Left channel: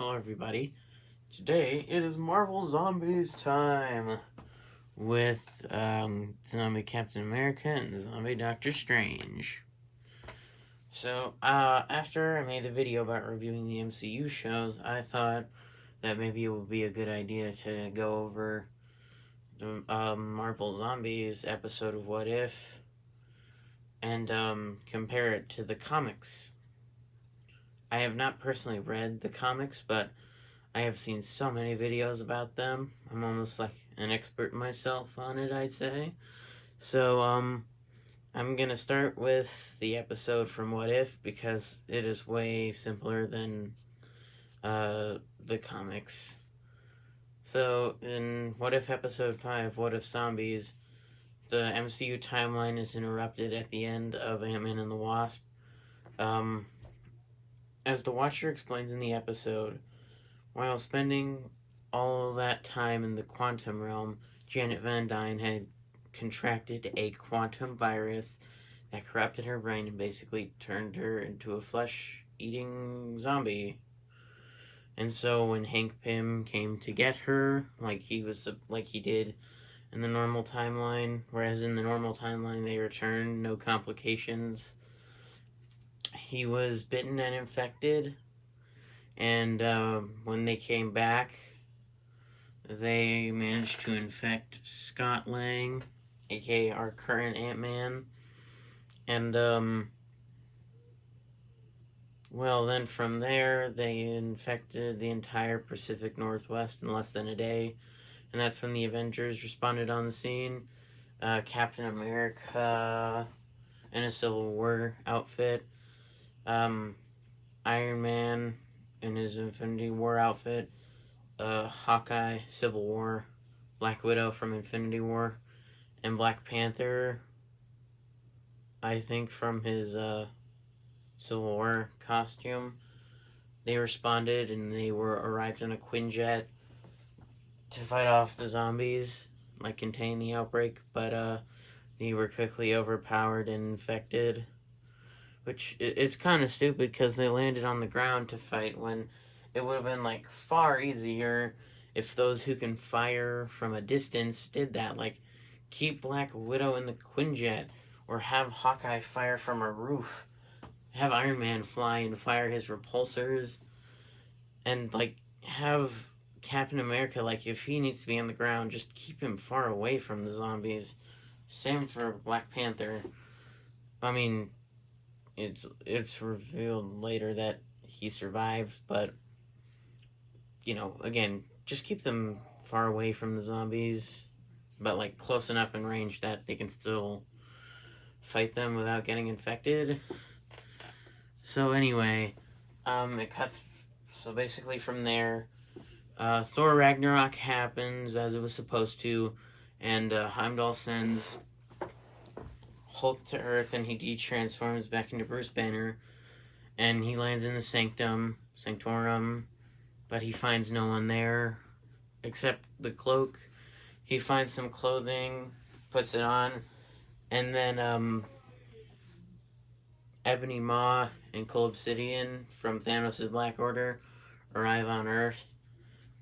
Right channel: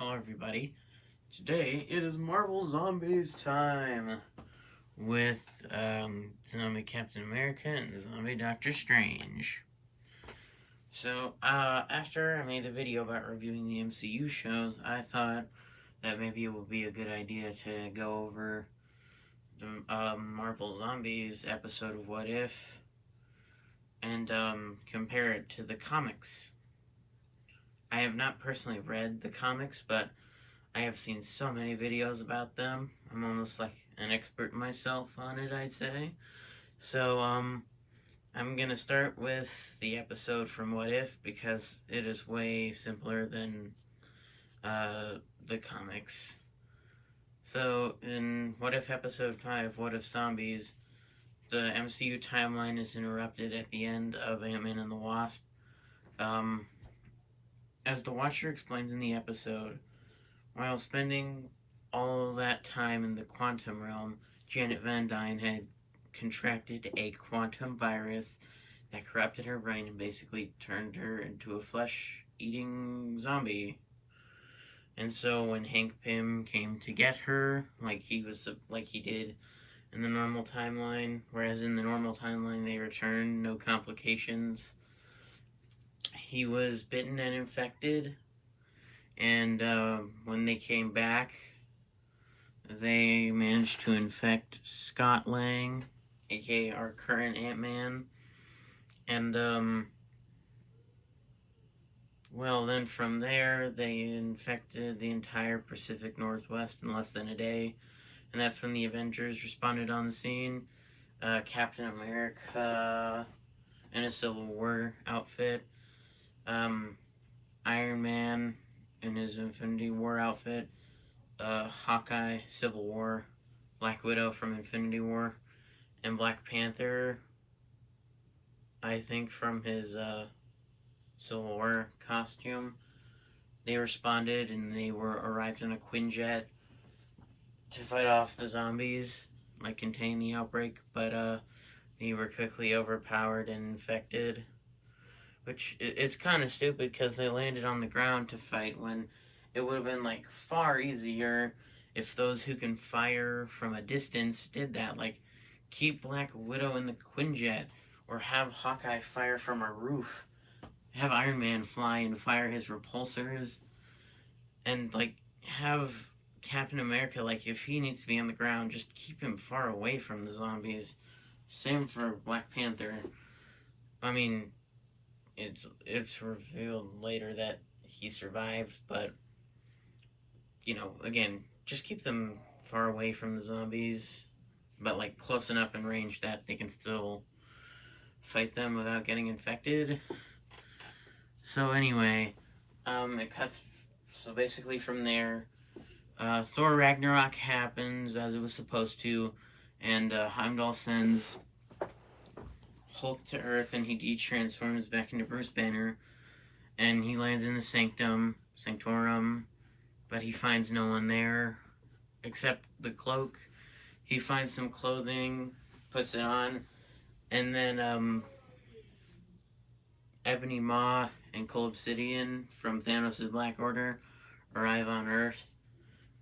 Hello, everybody. Today it is Marvel Zombies time with Zombie Captain America and Zombie Doctor Strange. So, after I made the video about reviewing the MCU shows, I thought that maybe it would be a good idea to go over the Marvel Zombies episode of What If and compare it to the comics. I have not personally read the comics, but I have seen so many videos about them. I'm almost like an expert myself on it, I'd say. So, I'm gonna start with the episode from What If because it is way simpler than the comics. So, in What If Episode 5, What If Zombies, the MCU timeline is interrupted at the end of Ant-Man and the Wasp. As the Watcher explains in the episode, while spending all of that time in the quantum realm, Janet Van Dyne had contracted a quantum virus that corrupted her brain and basically turned her into a flesh-eating zombie. And so when Hank Pym came to get her, like he did in the normal timeline, whereas in the normal timeline they returned, no complications, he was bitten and infected. And when they came back, they managed to infect Scott Lang, aka our current Ant-Man. And, well, then from there, they infected the entire Pacific Northwest in less than a day. And that's when the Avengers responded on the scene. Captain America in a Civil War outfit. Iron Man in his Infinity War outfit, Hawkeye, Civil War, Black Widow from Infinity War, and Black Panther, I think from his Civil War costume. They responded and they arrived in a Quinjet to fight off the zombies, like contain the outbreak, but they were quickly overpowered and infected. Which, it's kind of stupid because they landed on the ground to fight when it would have been, like, far easier if those who can fire from a distance did that. Like, keep Black Widow in the Quinjet, or have Hawkeye fire from a roof. Have Iron Man fly and fire his repulsors. And, like, have Captain America, like, if he needs to be on the ground, just keep him far away from the zombies. Same for Black Panther. I mean, it's revealed later that he survived, but again, just keep them far away from the zombies, but like close enough in range that they can still fight them without getting infected. So anyway, it cuts. So basically from there, Thor Ragnarok happens as it was supposed to, and Heimdall sends Hulk to Earth, and he de-transforms back into Bruce Banner, and he lands in the Sanctorum, but he finds no one there except the cloak. He finds some clothing, puts it on, and then Ebony Maw and Cole Obsidian from Thanos' Black Order arrive on Earth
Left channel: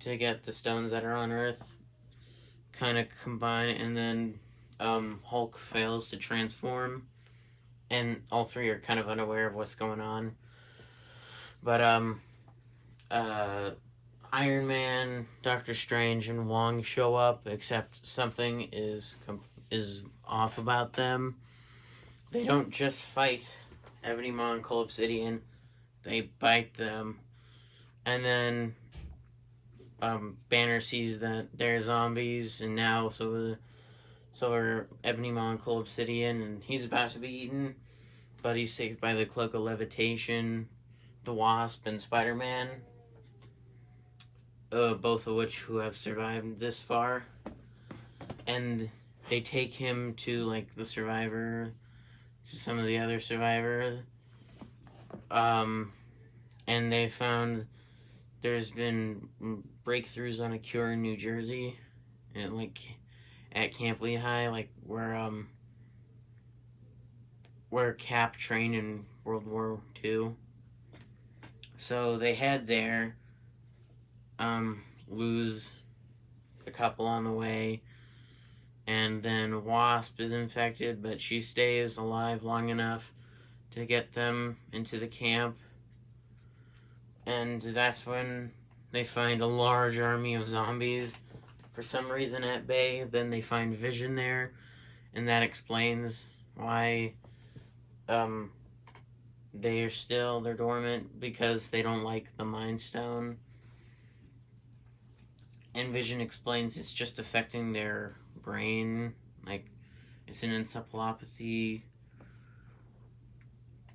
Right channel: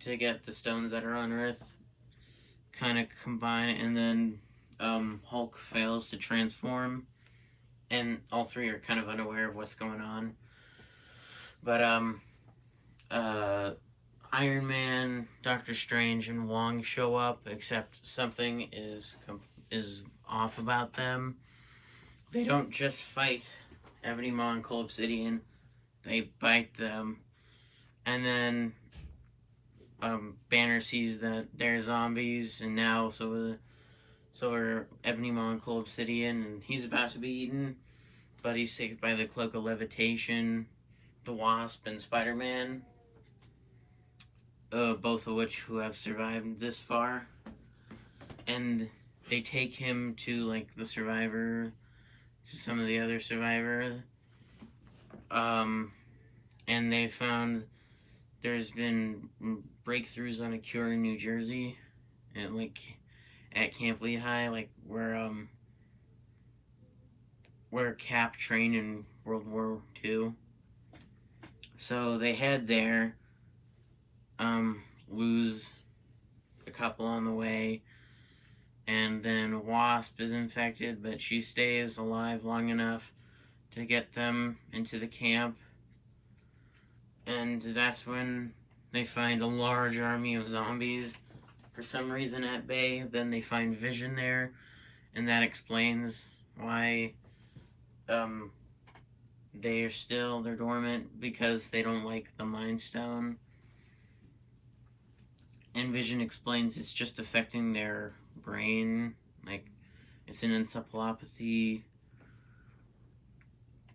to get the stones that are on Earth, kind of combine, and then Hulk fails to transform, and all three are kind of unaware of what's going on. But Iron Man, Doctor Strange, and Wong show up, except something is off about them. They don't just fight Ebony Maw and Cole Obsidian, they bite them, and then Banner sees that they're zombies, and now so are Ebony Maw and Cole Obsidian, and he's about to be eaten, but he's saved by the Cloak of Levitation, the Wasp, and Spider-Man, both of which who have survived this far, and they take him to, like, the survivor, to some of the other survivors, and they found there's been breakthroughs on a cure in New Jersey, and, like, at Camp Lehigh, like, where Cap trained in World War II. So they head there, lose a couple on the way. And then Wasp is infected, but she stays alive long enough to get them into the camp. And that's when they find a large army of zombies for some reason at bay. Then they find Vision there, and that explains why they're dormant, because they don't like the Mind Stone. And Vision explains it's just affecting their brain, like it's an encephalopathy,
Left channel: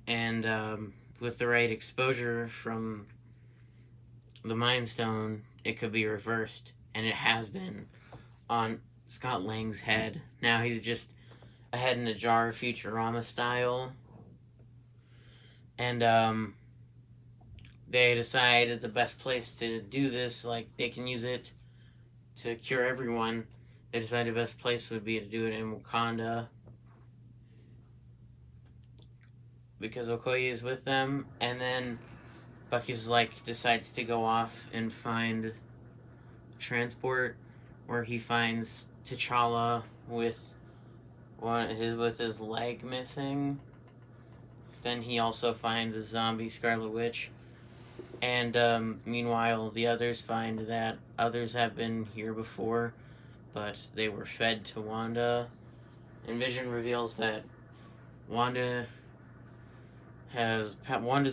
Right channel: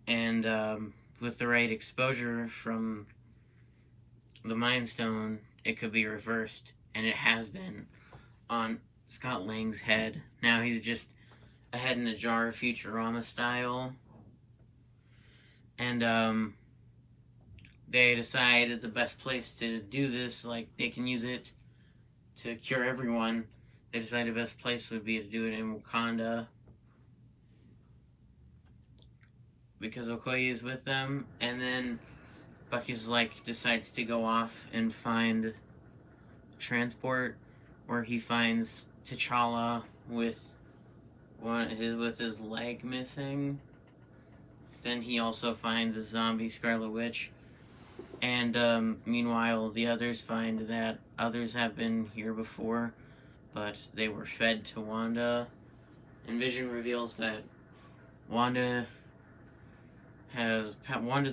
and with the right exposure from the Mind Stone, it could be reversed, and it has been on Scott Lang's head. Now he's just a head in a jar, Futurama style. And they decided the best place to do this, like they can use it to cure everyone. They decided the best place would be to do it in Wakanda, because Okoye is with them. And then Bucky's decides to go off and find transport, where he finds T'Challa with his leg missing. Then he also finds a zombie Scarlet Witch. And meanwhile, the others find that others have been here before, but they were fed to Wanda. And Vision reveals that Wanda's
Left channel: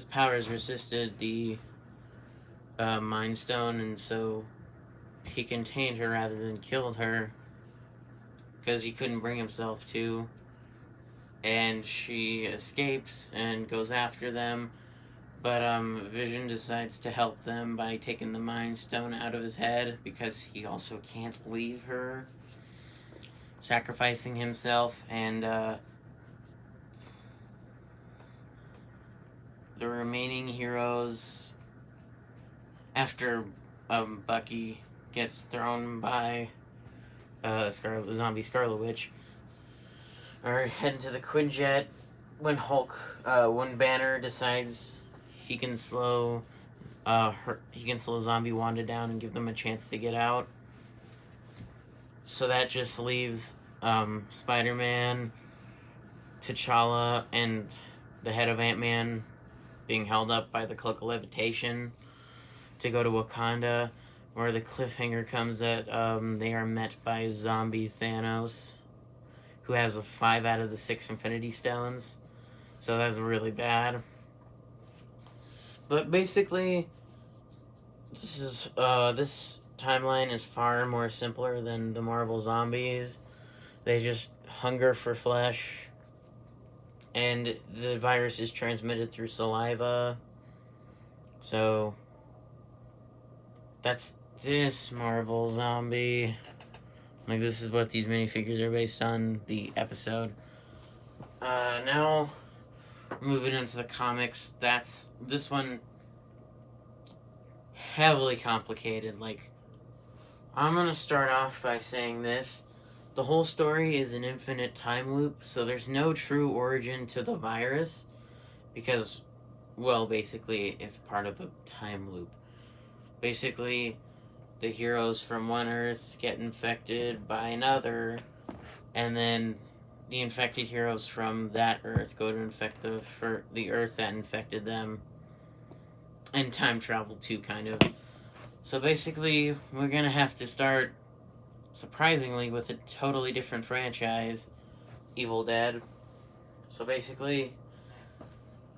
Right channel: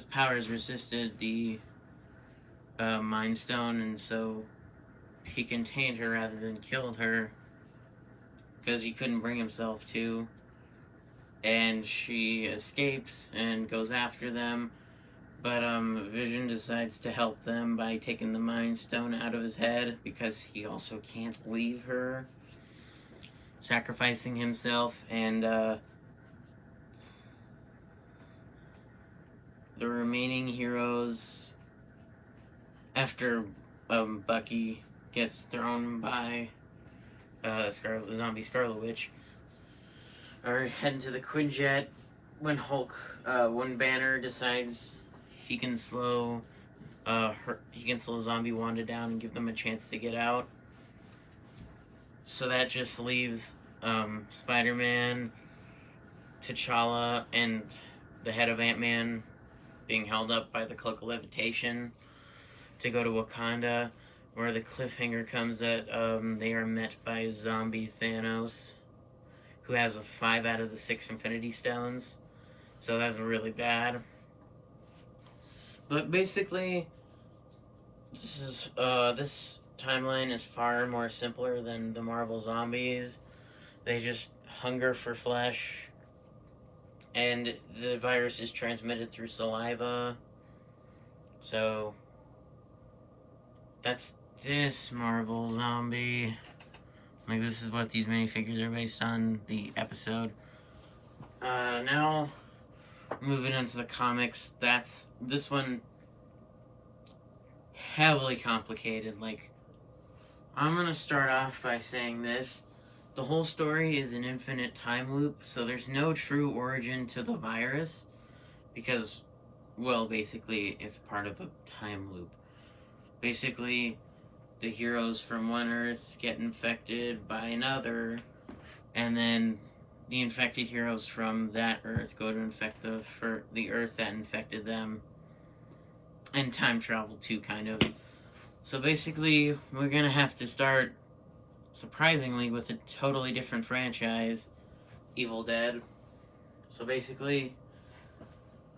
powers resisted the Mind Stone, and so he contained her rather than killed her, because he couldn't bring himself to. And she escapes and goes after them, but Vision decides to help them by taking the Mind Stone out of his head, because he also can't leave her, sacrificing himself. And the remaining heroes, after Bucky gets thrown by the zombie Scarlet Witch, are heading to the Quinjet when when Banner decides he can slow zombie Wanda down and give them a chance to get out. So that just leaves Spider-Man, T'Challa, and the head of Ant-Man being held up by the Cloak of Levitation to go to Wakanda, where the cliffhanger comes that they are met by zombie Thanos, who has 5 out of the 6 Infinity Stones. So that's really bad. But basically, this timeline is far more simpler than the Marvel zombies. They just hunger for flesh, and the virus is transmitted through saliva. So that's this Marvel zombie. This is what these minifigures are based on, the episode. Now, moving into the comics, this one, heavily complicated. I'm gonna start off by saying this. The whole story is an infinite time loop, so there's no true origin to the virus, because, well, basically, it's part of a time loop. Basically, the heroes from one Earth get infected by another, and then the infected heroes from that Earth go to infect the Earth that infected them, and time travel too, kind of. So basically, we're gonna have to start, surprisingly, with a totally different franchise, Evil Dead. So basically,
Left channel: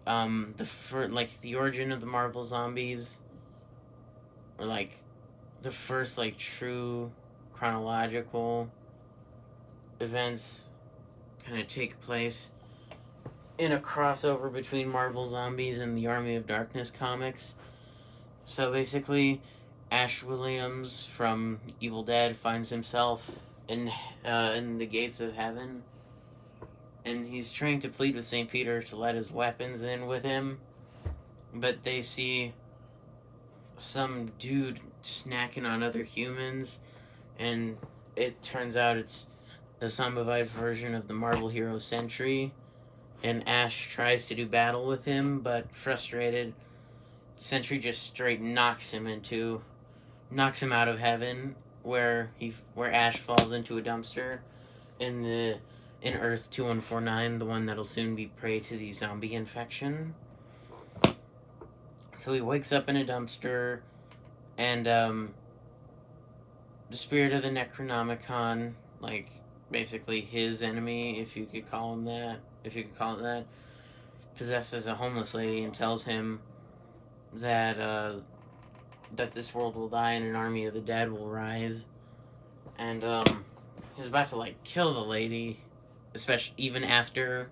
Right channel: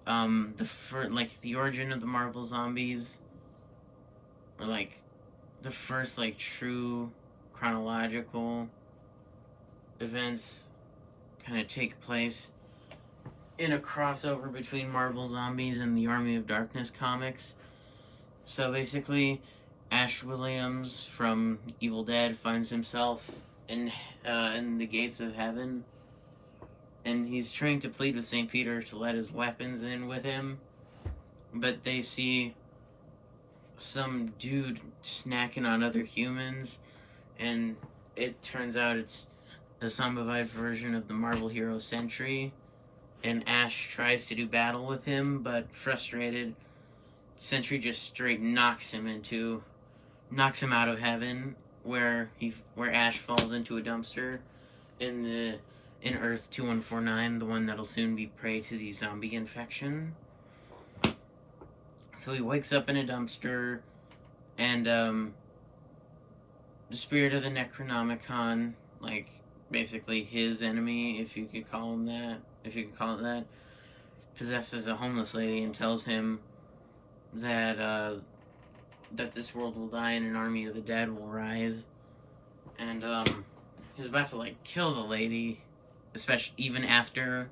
the origin of the Marvel zombies, or the first true chronological events, kind of take place in a crossover between Marvel Zombies and the Army of Darkness comics. So basically, Ash Williams from Evil Dead finds himself in the gates of heaven, and he's trying to plead with St. Peter to let his weapons in with him, but they see some dude snacking on other humans, and it turns out it's a zombified version of the Marvel hero Sentry, and Ash tries to do battle with him, but frustrated, Sentry just straight knocks him into knocks him out of heaven, where Ash falls into a dumpster in Earth 2149, the one that'll soon be prey to the zombie infection. So he wakes up in a dumpster, and the spirit of the Necronomicon, like basically his enemy, if you could call it that, possesses a homeless lady and tells him that that this world will die and an army of the dead will rise. And he's about to like kill the lady, especially even after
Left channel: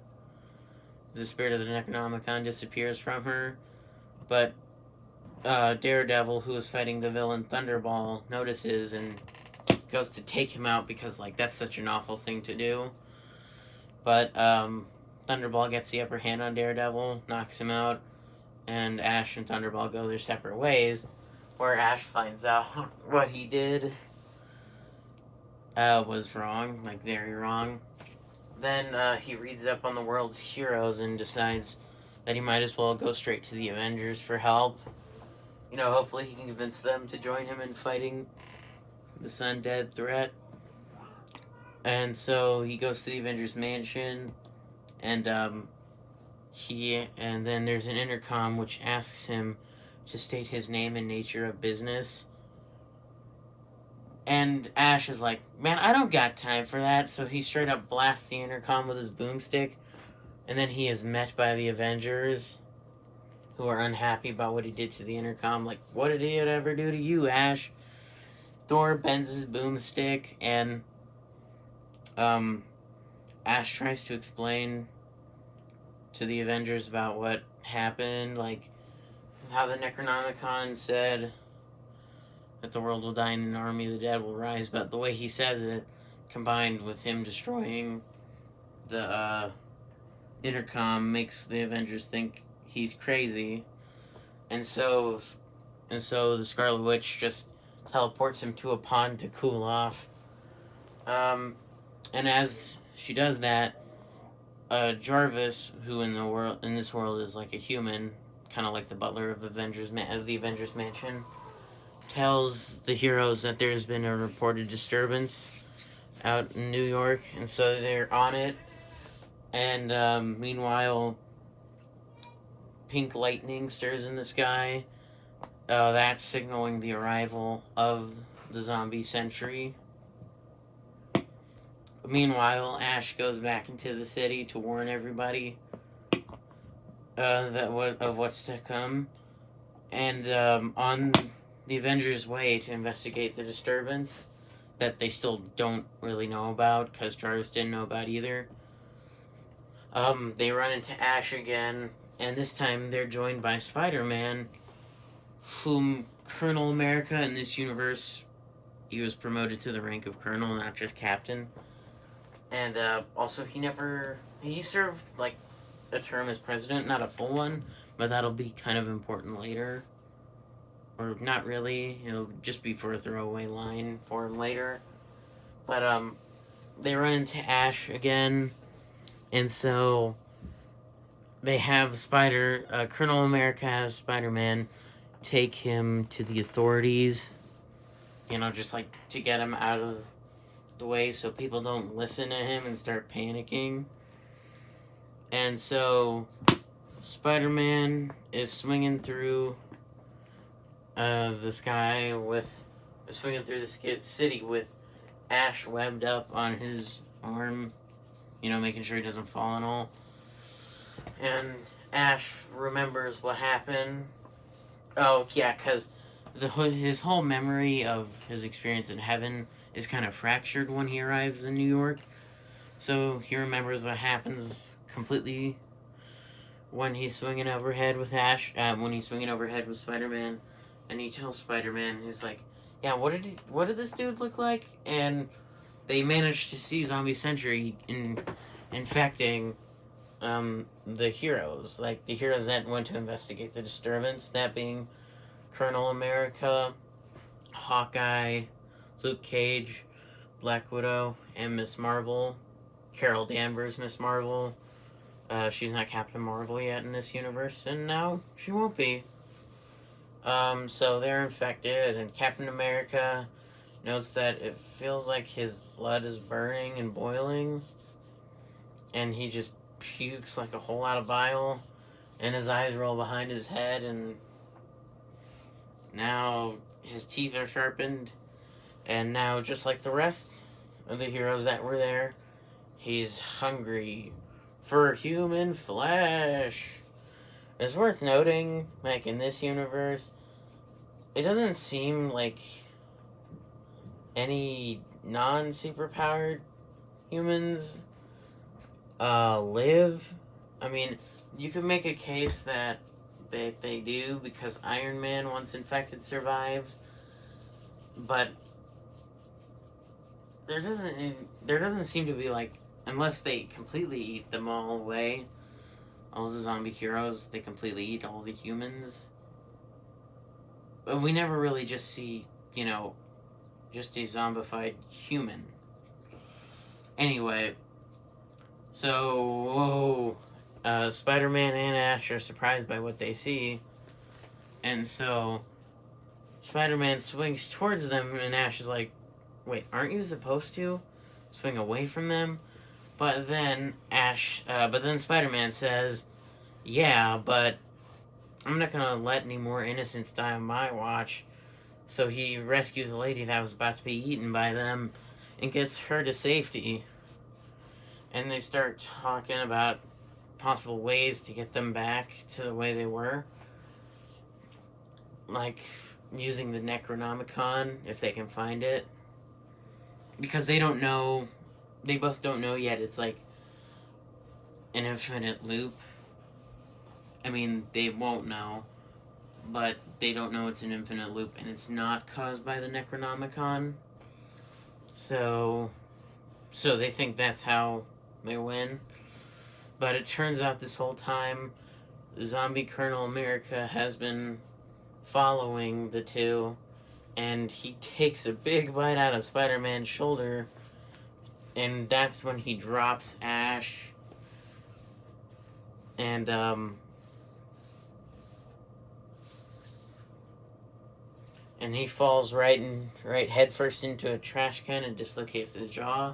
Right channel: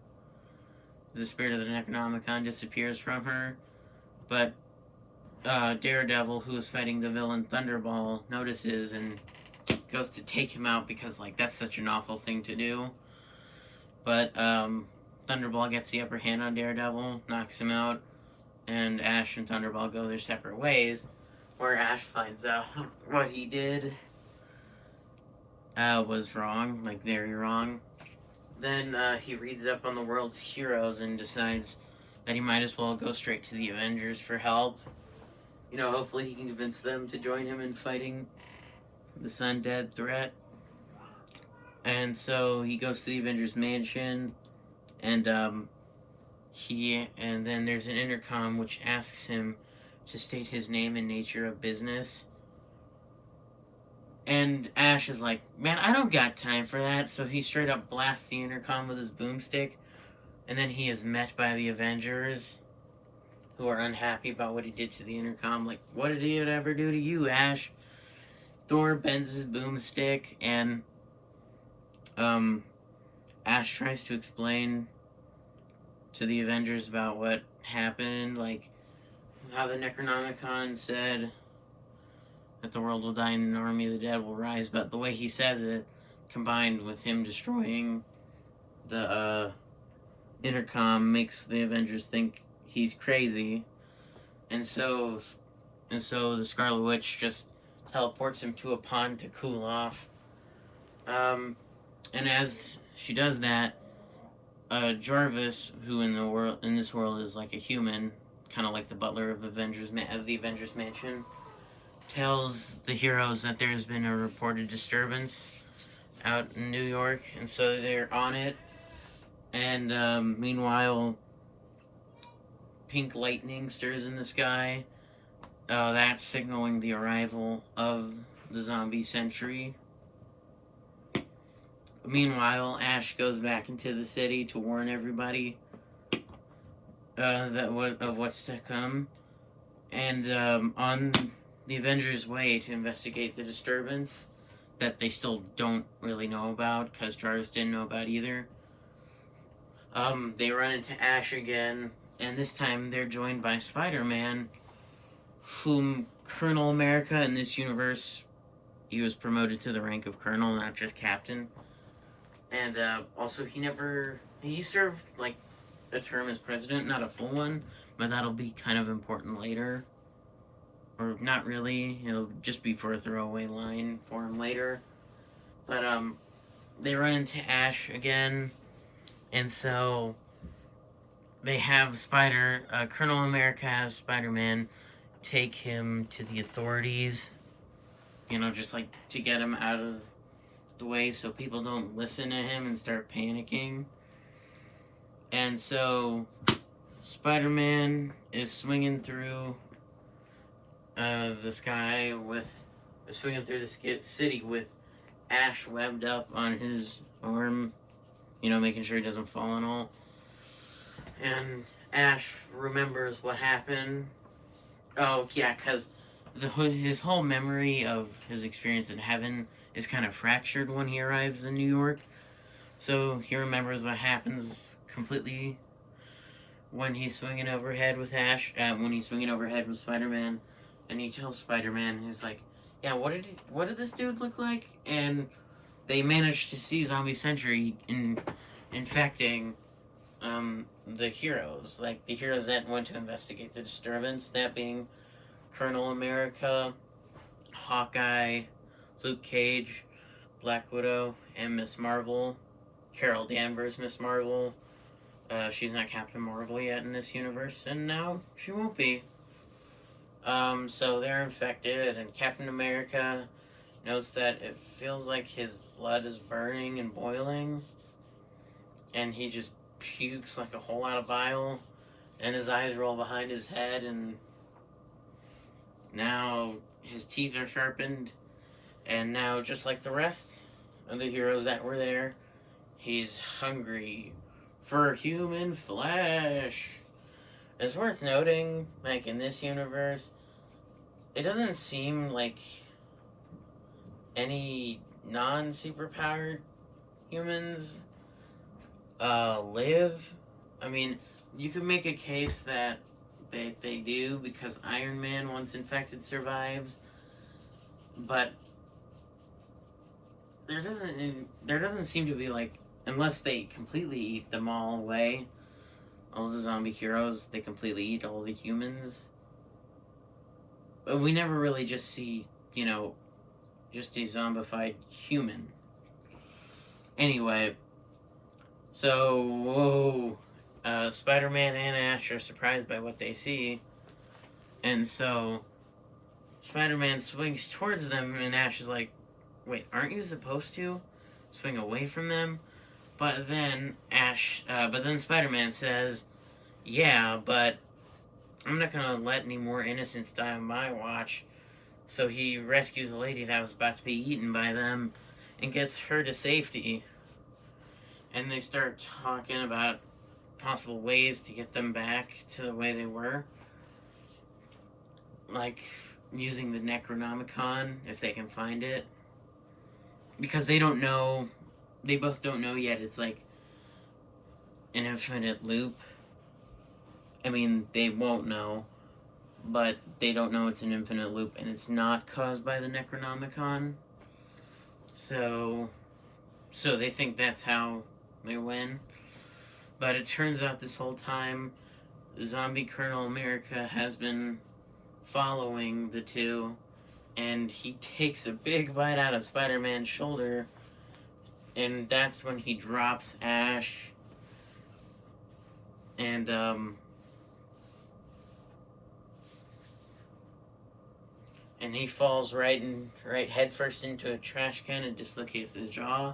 the spirit of the Necronomicon disappears from her. But Daredevil, who is fighting the villain Thunderball, notices and goes to take him out because like that's such an awful thing to do. But Thunderball gets the upper hand on Daredevil, knocks him out, and Ash and Thunderball go their separate ways, where Ash finds out what he did was wrong, like very wrong. Then he reads up on the world's heroes and decides that he might as well go straight to the Avengers for help. You know, hopefully he can convince them to join him in fighting this undead threat. And so he goes to the Avengers mansion, and then there's an intercom which asks him to state his name and nature of business. And Ash is like, man, I don't got time for that. So he straight up blasts the intercom with his boomstick. And then he is met by the Avengers, who are unhappy about what he did to the intercom. Like, what did he ever do to you, Ash? Thor bends his boomstick, and Ash tries to explain to the Avengers about what happened, like how the Necronomicon said that the world will die and an army of the dead will rise, but the way he says it, combined with him destroying the intercom, makes the Avengers think he's crazy, and so the Scarlet Witch just teleports him to a pond to cool off. And as she does that, Jarvis, who in this world is like a human, kind of like the butler of the Avengers Mansion, tells the heroes that there's been a reported disturbance out in New York, and so they're on it. And meanwhile, pink lightning stirs in the sky. That's signaling the arrival of the zombie century. Meanwhile, Ash goes back into the city to warn everybody of what's to come. And on the Avengers' way to investigate the disturbance that they still don't really know about, because Jarvis didn't know about either, they run into Ash again, and this time they're joined by Spider-Man, whom Colonel America in this universe, he was promoted to the rank of Colonel, not just Captain. And also he served like a term as president, not a full one, but that'll be kind of important later. Or not really, it'll just be for a throwaway line for him later. But they run into Ash again, and so they have Colonel America has Spider-Man take him to the authorities, you know, just like to get him out of the way so people don't listen to him and start panicking. And so Spider-Man is swinging through the city with Ash webbed up on his arm, you know, making sure he doesn't fall and all. And Ash remembers what happened. Oh, yeah, because his whole memory of his experience in heaven is kind of fractured when he arrives in New York. So he remembers what happens completely when he's swinging overhead with Spider-Man. And he tells Spider-Man, he's like, yeah, what did this dude look like? And they managed to see Zombie Century infecting the heroes. Like, the heroes that went to investigate the disturbance, that being Colonel America, Hawkeye, Luke Cage, Black Widow, and Miss Marvel. Carol Danvers, Miss Marvel. She's not Captain Marvel yet in this universe, and now she won't be. So they're infected, and Captain America notes that it feels like his blood is burning and boiling, and he just pukes like a whole lot of bile, and his eyes roll behind his head, and now his teeth are sharpened, and now, just like the rest of the heroes that were there, he's hungry for human flesh. It's worth noting, like, in this universe, it doesn't seem like any non-superpowered humans live. I mean, you could make a case that they do, because Iron Man, once infected, survives, but there doesn't seem to be, like, unless they completely eat them all away, all the zombie heroes, they completely eat all the humans. But we never really just see, just a zombified human. Anyway, so Spider-Man and Ash are surprised by what they see, and so Spider-Man swings towards them, and Ash is like, wait, aren't you supposed to swing away from them? But then Spider-Man says, yeah, but I'm not gonna let any more innocents die on my watch. So he rescues a lady that was about to be eaten by them and gets her to safety. And they start talking about possible ways to get them back to the way they were. Like using the Necronomicon, if they can find it. Because they both don't know yet it's like an infinite loop. I mean, they won't know, but they don't know it's an infinite loop, and it's not caused by the Necronomicon. So they think that's how they win. But it turns out this whole time, Zombie Colonel America has been following the two, and he takes a big bite out of Spider-Man's shoulder, and that's when he drops Ash, and he falls right headfirst into a trash can and dislocates his jaw.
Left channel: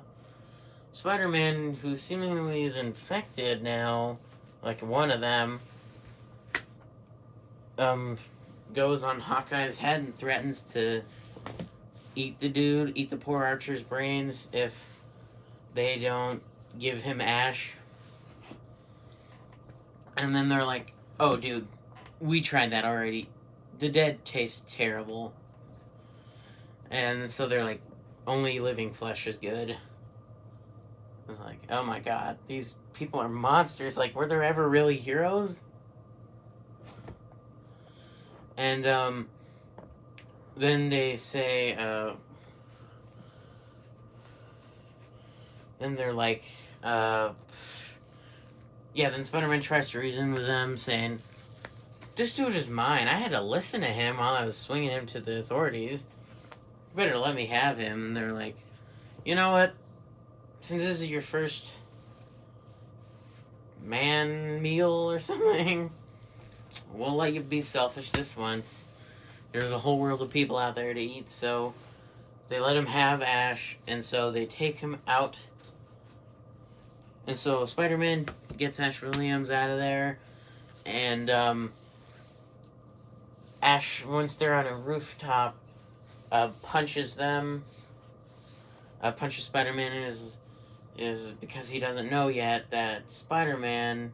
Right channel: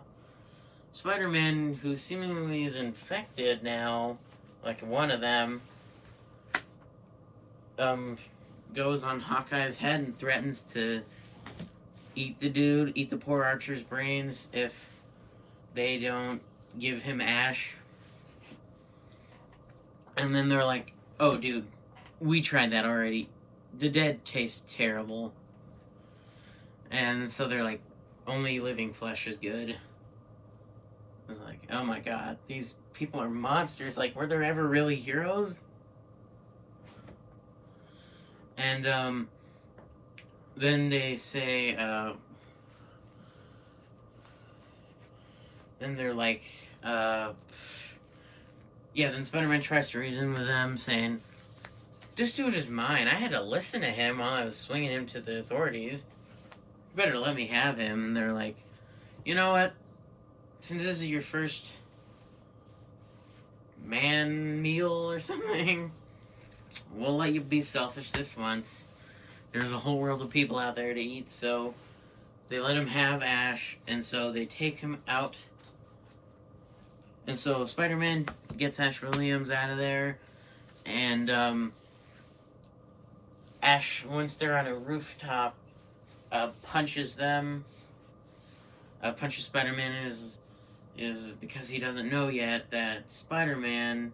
Spider-Man, who seemingly is infected now, like one of them, goes on Hawkeye's head and threatens to eat the poor Archer's brains if they don't give him Ash. And then they're like, oh dude, we tried that already. The dead taste terrible. And so they're like, only living flesh is good. It's like, oh my god, these people are monsters. Like, were there ever really heroes? And then they say, then they're like, then Spider-Man tries to reason with them, saying, this dude is mine. I had to listen to him while I was swinging him to the authorities. You better let me have him. And they're like, you know what? Since this is your first man meal or something, we'll let you be selfish this once. There's a whole world of people out there to eat, so they let him have Ash, and so they take him out. And so Spider-Man gets Ash Williams out of there, and Ash, once they're on a rooftop, punches them. Punches Spider-Man is because he doesn't know yet that Spider-Man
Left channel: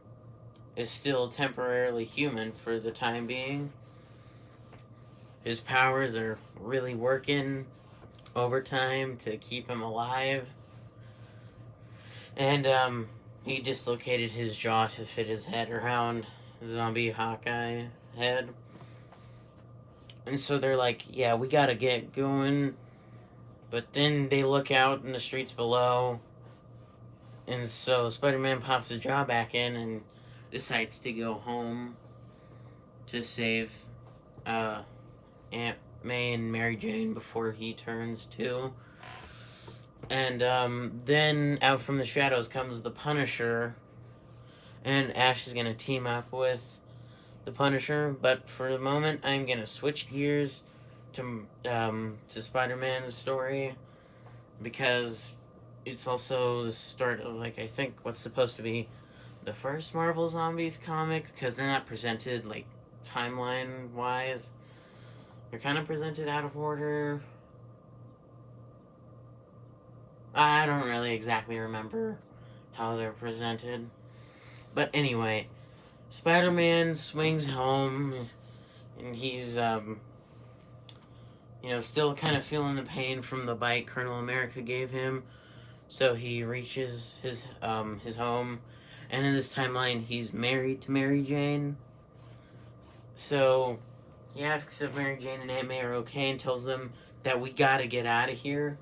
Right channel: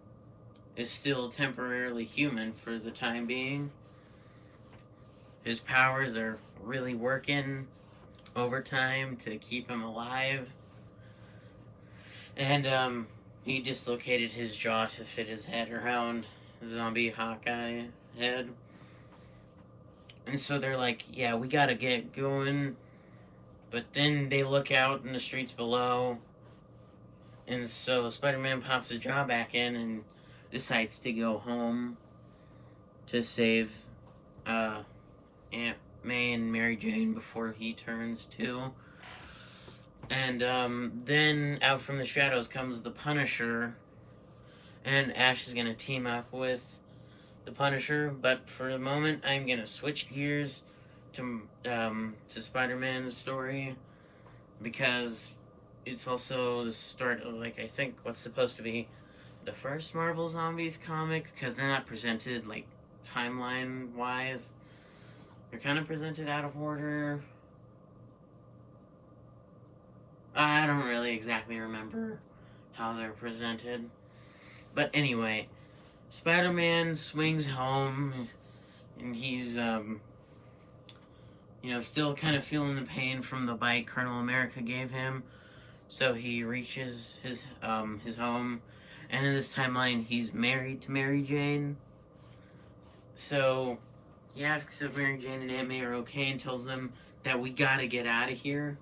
is still temporarily human for the time being. His powers are really working overtime to keep him alive. And he dislocated his jaw to fit his head around zombie Hawkeye's head. And so they're like, yeah, we gotta get going. But then they look out in the streets below. And so Spider-Man pops his jaw back in and decides to go home to save Aunt May and Mary Jane before he turns 2. And then out from the shadows comes the Punisher. And Ash is going to team up with the Punisher. But for the moment, I'm gonna switch gears to Spider-Man's story, because it's also the start of, like, I think what's supposed to be the first Marvel Zombies comic, because they're not presented, like, timeline wise. They're kind of presented out of order. I don't really exactly remember how they're presented. But anyway, Spider-Man swings home, and he's, still kind of feeling the pain from the bite Colonel America gave him. So he reaches his home, and in this timeline, he's married to Mary Jane. So he asks if Mary Jane and Aunt May are okay, and tells them that we gotta get out of here,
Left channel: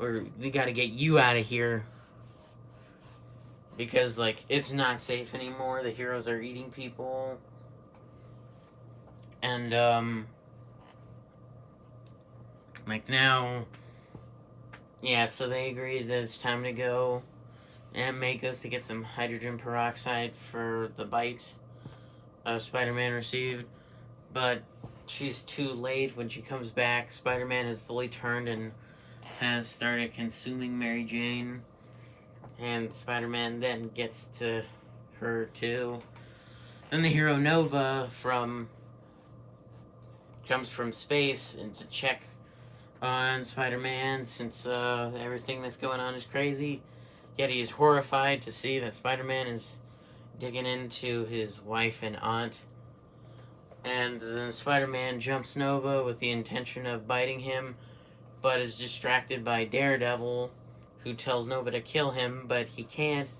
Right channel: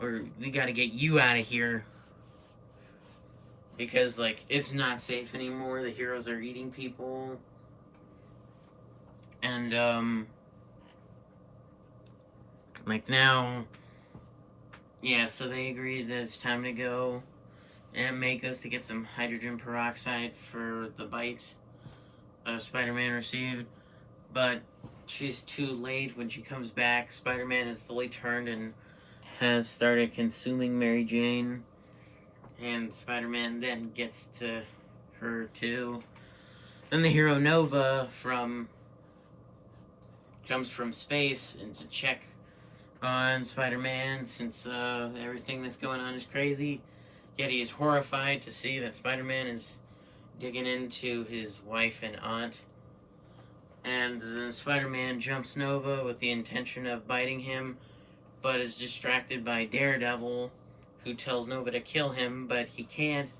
or we gotta get you out of here, because, like, it's not safe anymore. The heroes are eating people, and like, now, yeah, so they agree that it's time to go. Aunt May goes to get some hydrogen peroxide for the bite Spider-Man received, but she's too late. When she comes back, Spider-Man has fully turned and has started consuming Mary Jane, and Spider-Man then gets to her too. Then the hero Nova comes from space and to check on Spider-Man, since everything that's going on is crazy. Yet he's horrified to see that Spider-Man is digging into his wife and aunt. And then Spider-Man jumps Nova with the intention of biting him, but is distracted by Daredevil, who tells Nova to kill him, but he can't.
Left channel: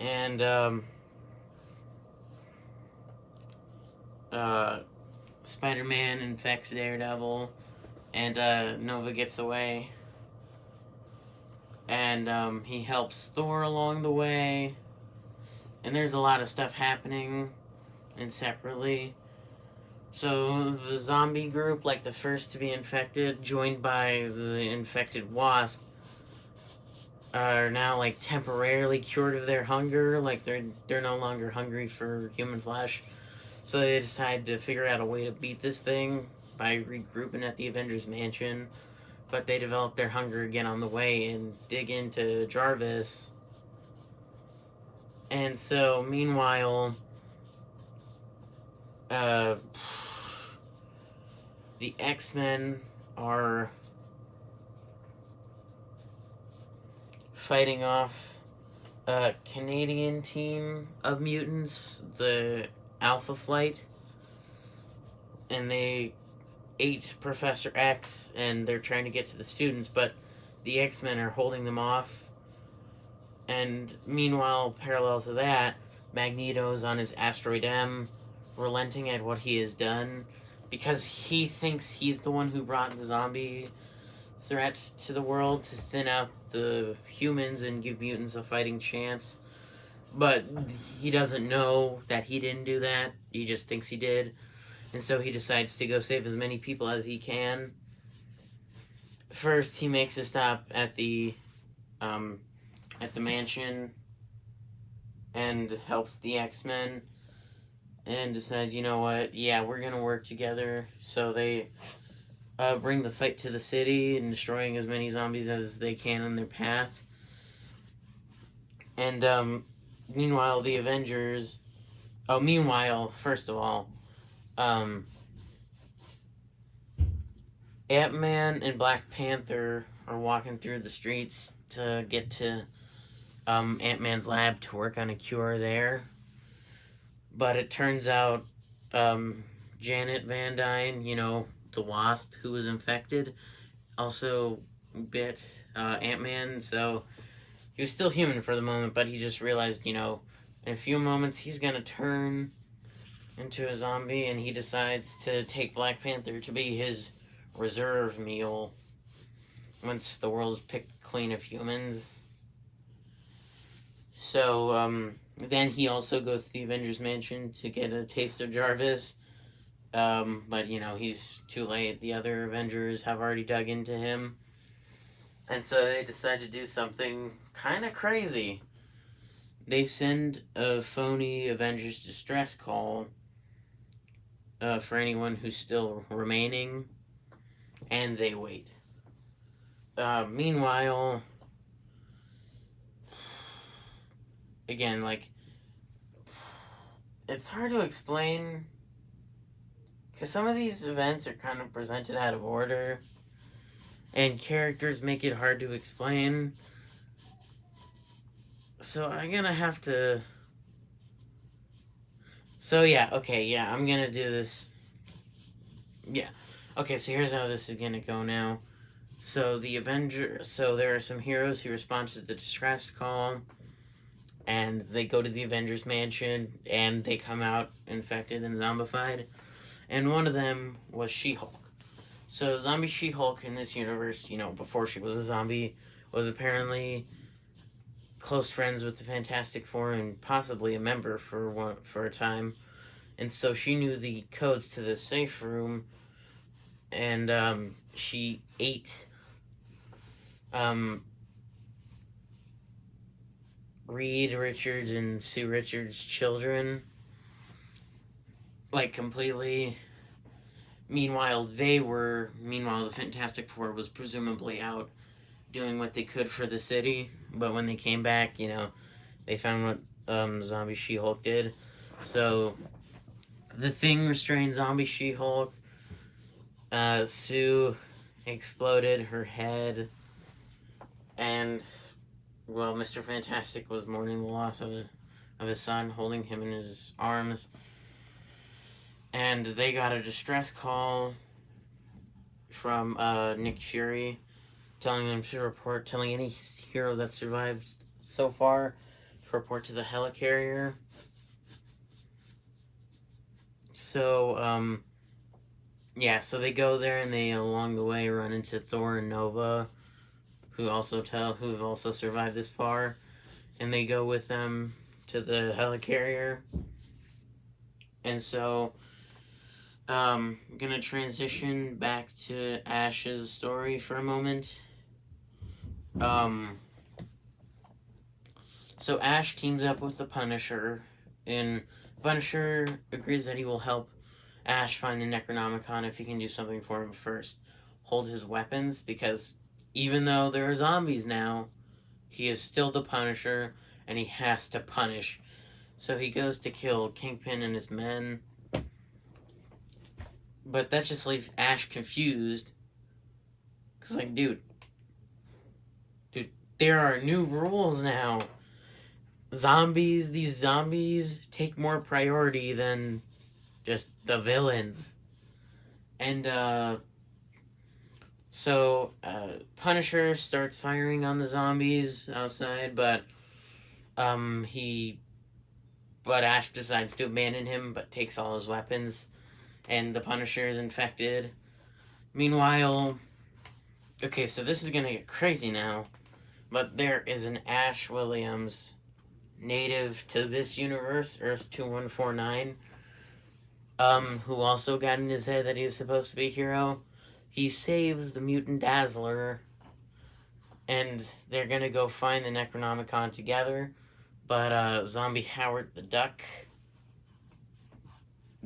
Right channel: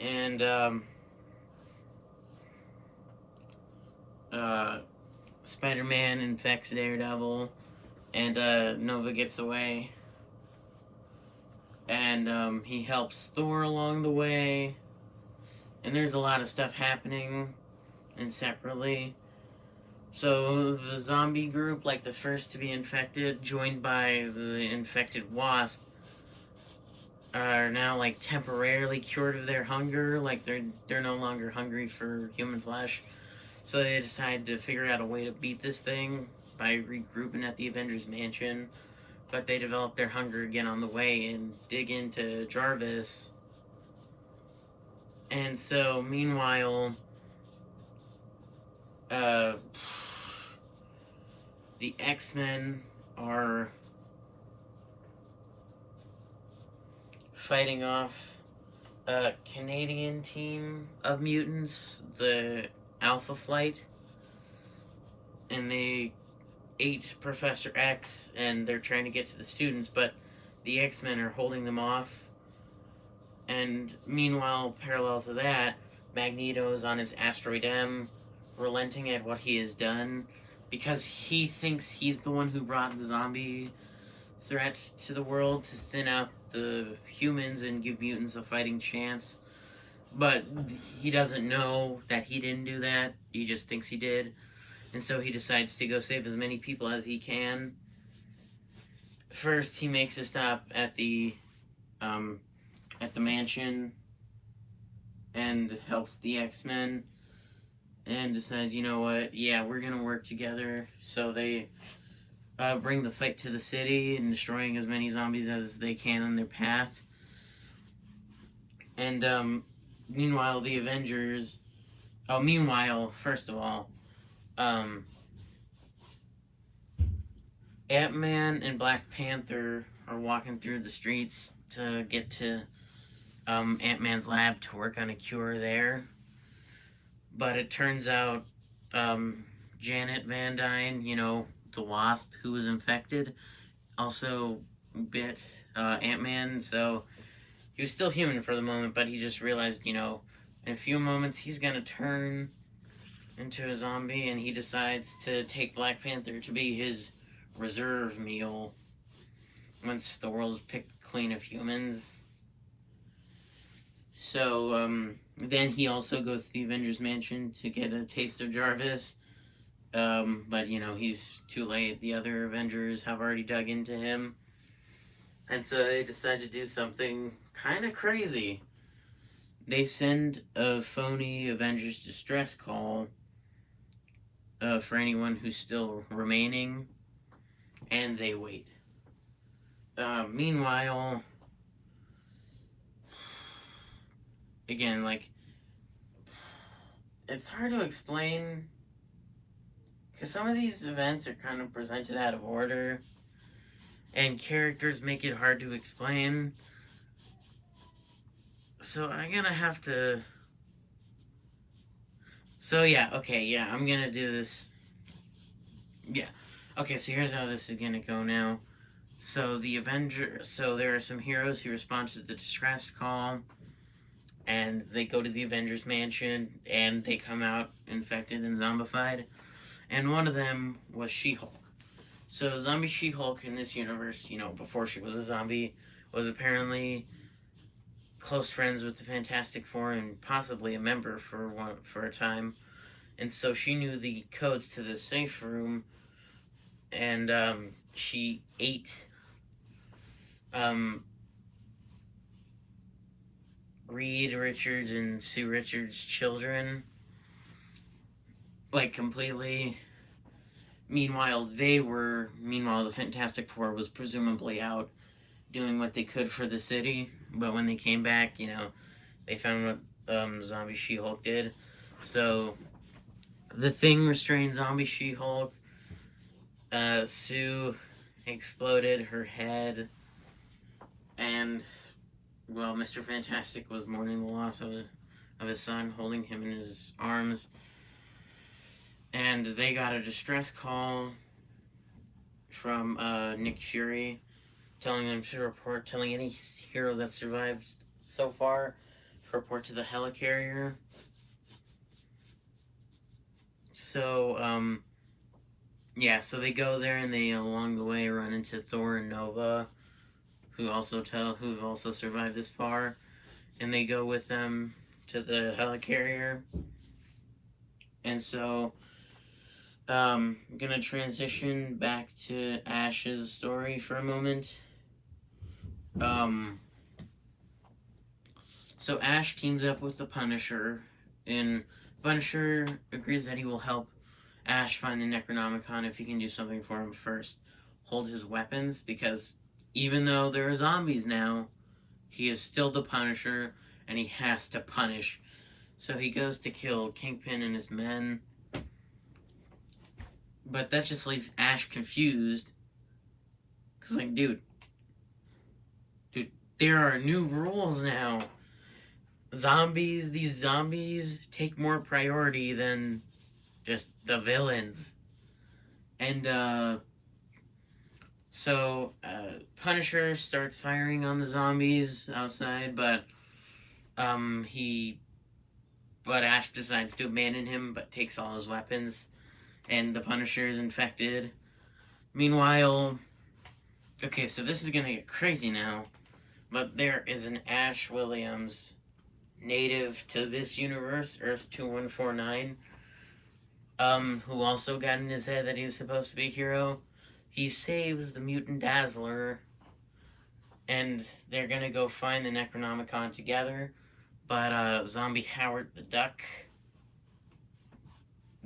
And Spider-Man infects Daredevil, and Nova gets away. And he helps Thor along the way. And there's a lot of stuff happening, and separately. So the zombie group, like the first to be infected, joined by the infected Wasp, are now, like, temporarily cured of their hunger. Like, they're no longer hungry for human flesh. So they decide to figure out a way to beat this thing by regrouping at the Avengers Mansion. But they develop their hunger again on the way and dig into Jarvis. And so, meanwhile, the X-Men are fighting off a Canadian team of mutants, the Alpha Flight, and they ate Professor X, and they're trying to get to the students, but the X-Men are holding them off. And meanwhile, parallel to that, Magneto's on his Asteroid M, relenting at what he has done, because he thinks he's the one who brought the zombie threat to the world to thin out the humans and give mutants a fighting chance. But he doesn't know that he didn't do that. He just thinks he did. And so he decides to go save as many people as he can. First, he makes a stop at the mansion and helps the X-Men, and decides, you know what, yeah, we're gonna work together. So they bring the fight to the city and destroying as many zombies as they can on their path. And meanwhile, the Avengers... first of all, Ant-Man and Black Panther are walking through the streets to get to Ant-Man's lab to work on a cure there. But it turns out Janet Van Dyne, the Wasp who was infected, also bit Ant-Man. So he was still human for the moment, but he just realized, in a few moments he's gonna turn into a zombie, and he decides to take Black Panther to be his reserve meal once the world is picked clean of humans. So then he also goes to the Avengers Mansion to get a taste of Jarvis, but he's too late. The other Avengers have already dug into him, and so they decide to do something kind of crazy. They send a phony Avengers distress call for anyone who's still remaining, and they wait. Meanwhile, again, like, it's hard to explain because some of these events are kind of presented out of order, and characters make it hard to explain. So I'm gonna have to. So yeah, okay, yeah, I'm gonna do this. Yeah, okay. So here's how this is gonna go now. So there are some heroes who respond to the distress call, and they go to the Avengers mansion, and they come out infected and zombified. And one of them was She-Hulk. So zombie She-Hulk in this universe, before she was a zombie, was apparently close friends with the Fantastic Four and possibly a member for a time. And so she knew the codes to the safe room, and she ate Reed Richards and Sue Richards' children, like, completely. Meanwhile, the Fantastic Four was presumably out doing what they could for the city, but when they came back, they found what Zombie She-Hulk did. So, the Thing restrained Zombie She-Hulk. Sue exploded her head, and, well, Mr. Fantastic was mourning the loss of his son, holding him in his arms. And they got a distress call from Nick Fury, telling them to report, telling any hero that survived so far to report to the helicarrier. So, so they go there, and they, along the way, run into Thor and Nova, who've also survived this far, and they go with them to the helicarrier. And so, I'm gonna transition back to Ash's story for a moment. So Ash teams up with the Punisher, and Punisher agrees that he will help Ash find the Necronomicon if he can do something for him first. Hold his weapons, because even though there are zombies now, he is still the Punisher, and he has to punish. So he goes to kill Kingpin and his men. But that just leaves Ash confused. Because, like, dude, there are new rules now. These zombies take more priority than just the villains. And, so Punisher starts firing on the zombies outside, but Ash decides to abandon him, but takes all his weapons, and the Punisher is infected. Meanwhile, okay, so this is gonna get crazy now, but there is an Ash Williams, native to this universe, Earth 2149, who also got in his head that he was supposed to be a hero. He saves the mutant Dazzler, and they're gonna go find the Necronomicon together, but Zombie Howard the Duck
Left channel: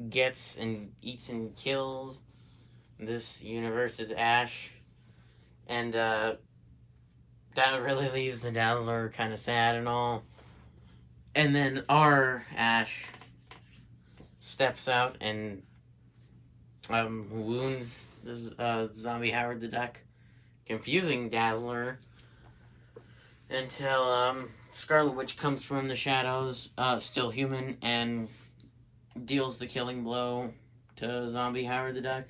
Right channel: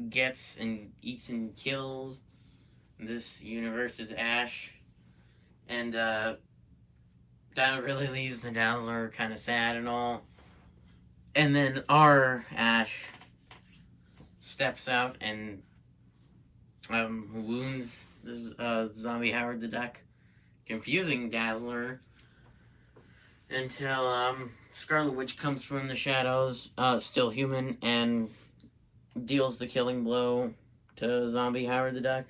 gets and eats and kills this universe's Ash, and that really leaves the Dazzler kind of sad and all. And then our Ash steps out and wounds the Zombie Howard the Duck, confusing Dazzler, until Scarlet Witch comes from the shadows, still human, and deals the killing blow to Zombie Howard the Duck.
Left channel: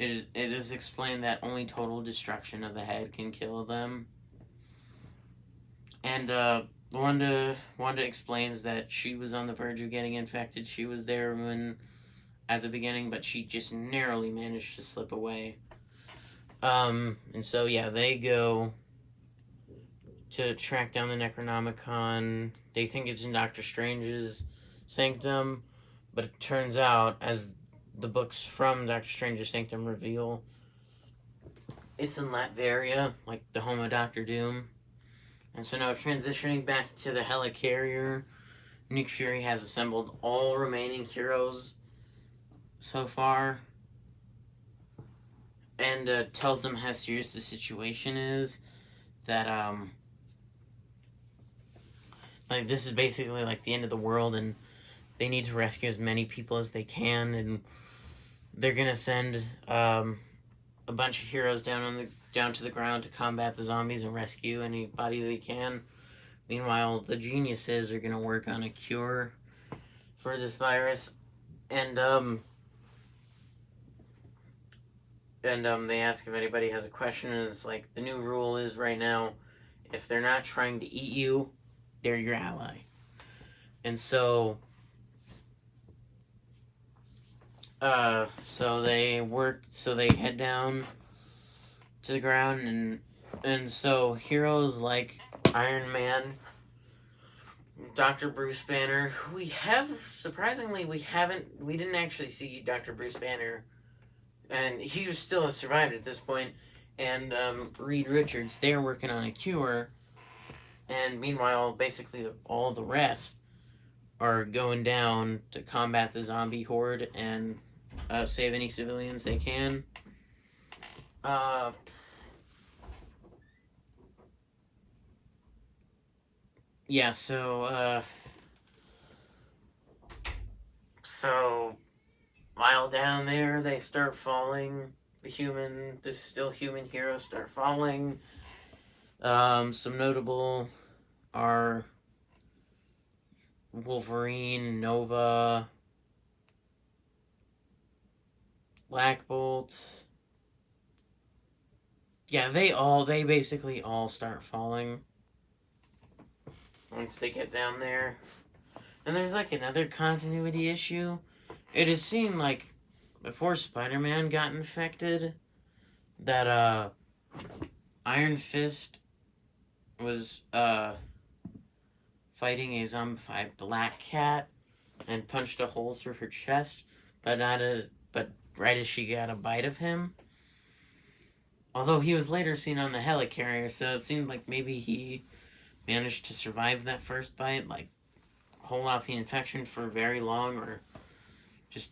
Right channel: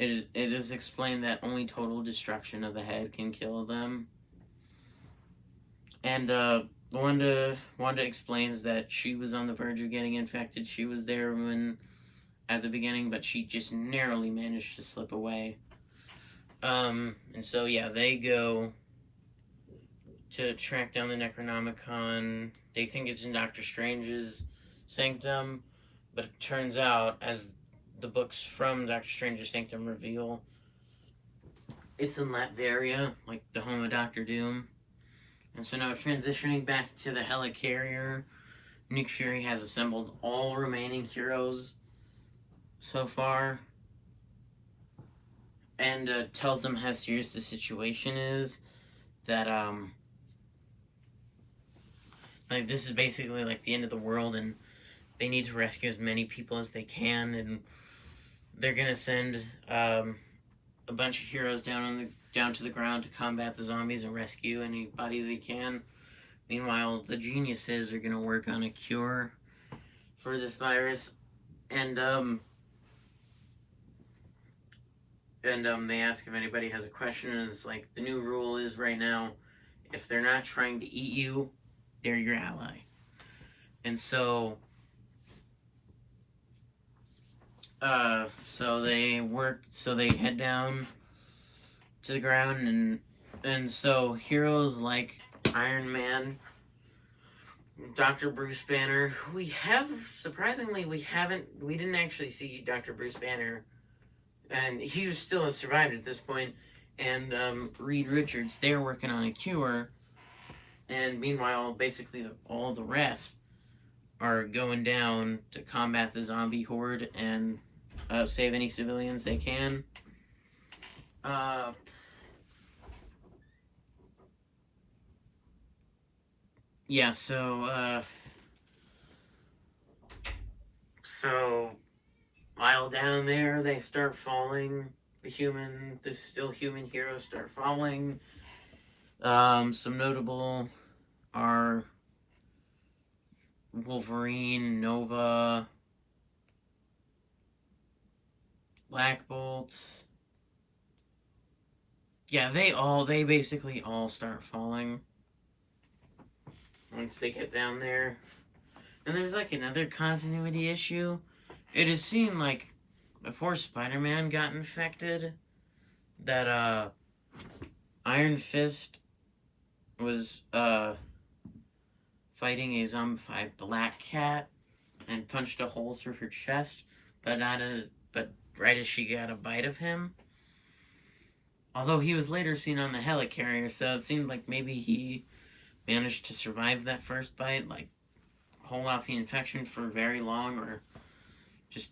It is explained that only total destruction of the head can kill them. And Wanda explains that she was on the verge of getting infected. She was there at the beginning, but she just narrowly managed to slip away. And so, yeah, they go to track down the Necronomicon. They think it's in Doctor Strange's sanctum, but it turns out, as the books from Doctor Strange's sanctum reveal, it's in Latveria, like the home of Doctor Doom. And so now, transitioning back to the helicarrier, Nick Fury has assembled all remaining heroes so far, and tells them how serious the situation is. That like this is basically like the end of the world, and they need to rescue as many people as they can, and they're gonna send a bunch of heroes down to the ground to combat the zombies and rescue anybody they can. Meanwhile, the geniuses are gonna work on a cure for this virus, and they ask if anybody has a question, and it's like the new rule is right now, if they're not trying to eat you, they're your ally. And so they head down to the ground, and so heroes like Iron Man, Dr. Bruce Banner, who we didn't actually see Dr. Bruce Banner, and he was still has survived at this point, and Reed Richards, they're working on a cure, and meanwhile, basically all the rest are going down to combat the zombie horde and save any civilians they can. Yeah, so while down there, they start falling. The still human heroes start falling. Some notable are Wolverine, Nova, Black Bolt. Yeah, they basically all start falling once they get down there. And there's like another continuity issue. It is seen like before Spider-Man got infected that Iron Fist was fighting a zombified Black Cat and punched a hole through her chest, but right as she got a bite of him. Although he was later seen on the helicarrier, so it seemed like maybe he managed to survive that first bite, like hold off the infection for very long, or just,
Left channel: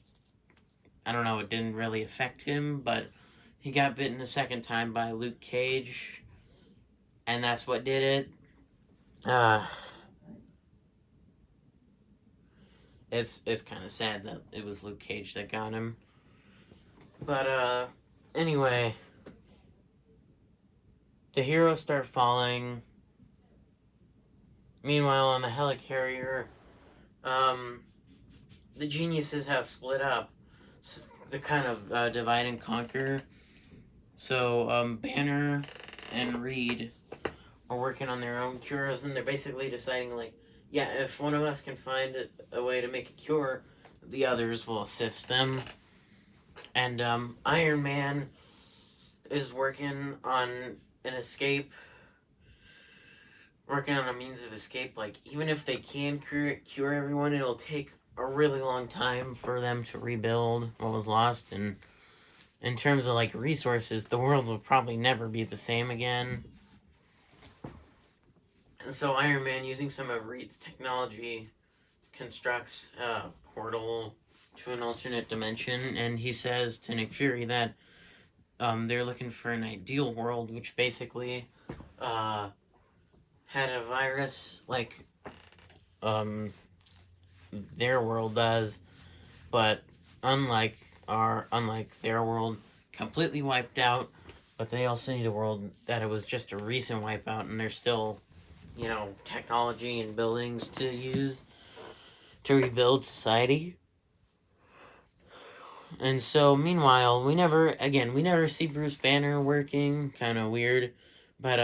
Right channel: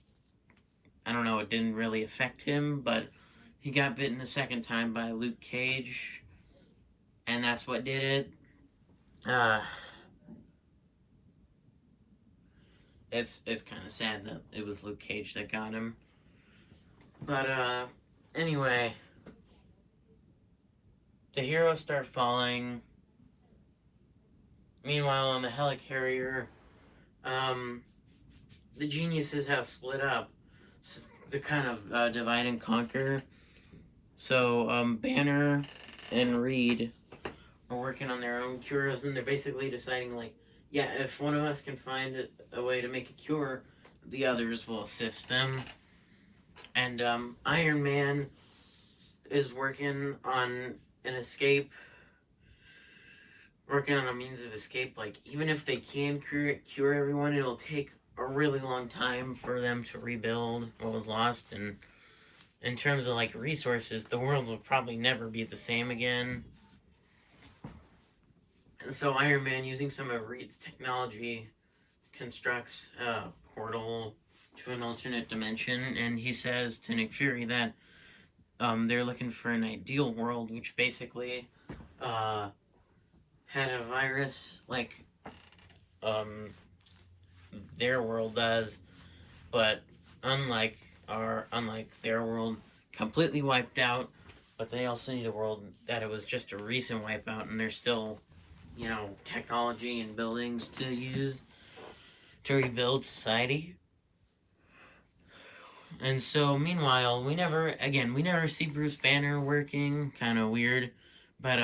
I don't know, it didn't really affect him, but he got bitten a second time by Luke Cage, and that's what did it. It's kind of sad that it was Luke Cage that got him. But, anyway, the heroes start falling. Meanwhile, on the helicarrier, the geniuses have split up. So they kind of divide and conquer. So, Banner and Reed are working on their own cures, and they're basically deciding, like, yeah, if one of us can find a way to make a cure, the others will assist them. And Iron Man is working on an escape, working on a means of escape. Like, even if they can cure everyone, it'll take a really long time for them to rebuild what was lost. And in terms of, like, resources, the world will probably never be the same again. And so Iron Man, using some of Reed's technology, constructs a portal to an alternate dimension, and he says to Nick Fury that they're looking for an ideal world, which basically had a virus like their world does, but unlike their world, completely wiped out. But they also need a world that it was just a recent wipeout, and there's still, you know, technology and buildings to use to rebuild society. And so, meanwhile, we never see Bruce Banner working. Kind of weird, but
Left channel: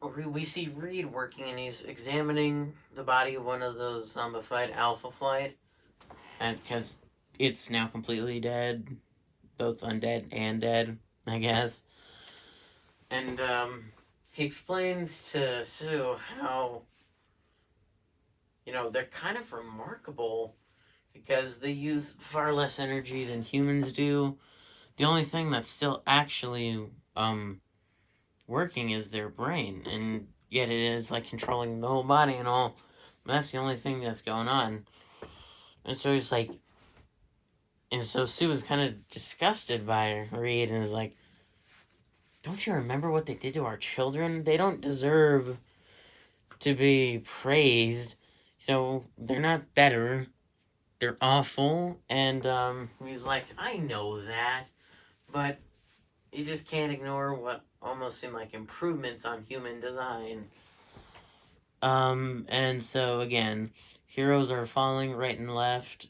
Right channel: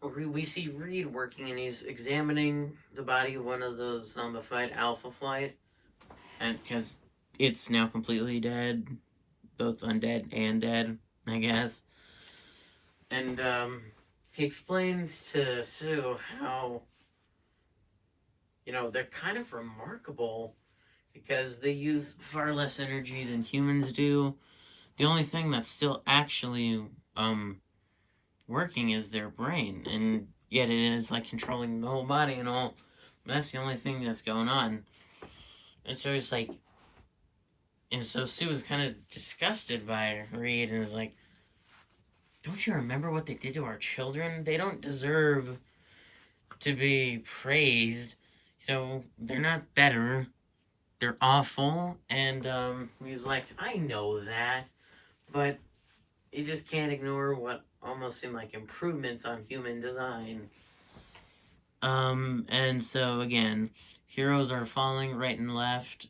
we see Reed working, and he's examining the body of one of those zombified Alpha Flight, and because it's now completely dead, both undead and dead, I guess. And he explains to Sue how, you know, they're kind of remarkable because they use far less energy than humans do. The only thing that's still actually working is their brain, and yet it is like controlling the whole body and all. That's the only thing that's going on. And so he's like, And so Sue is kind of disgusted by Reed and is like, don't you remember what they did to our children? They don't deserve to be praised. They're not better. They're awful. And he's like, I know that. But you just can't ignore what almost seem like improvements on human design. And so again, heroes are falling right and left.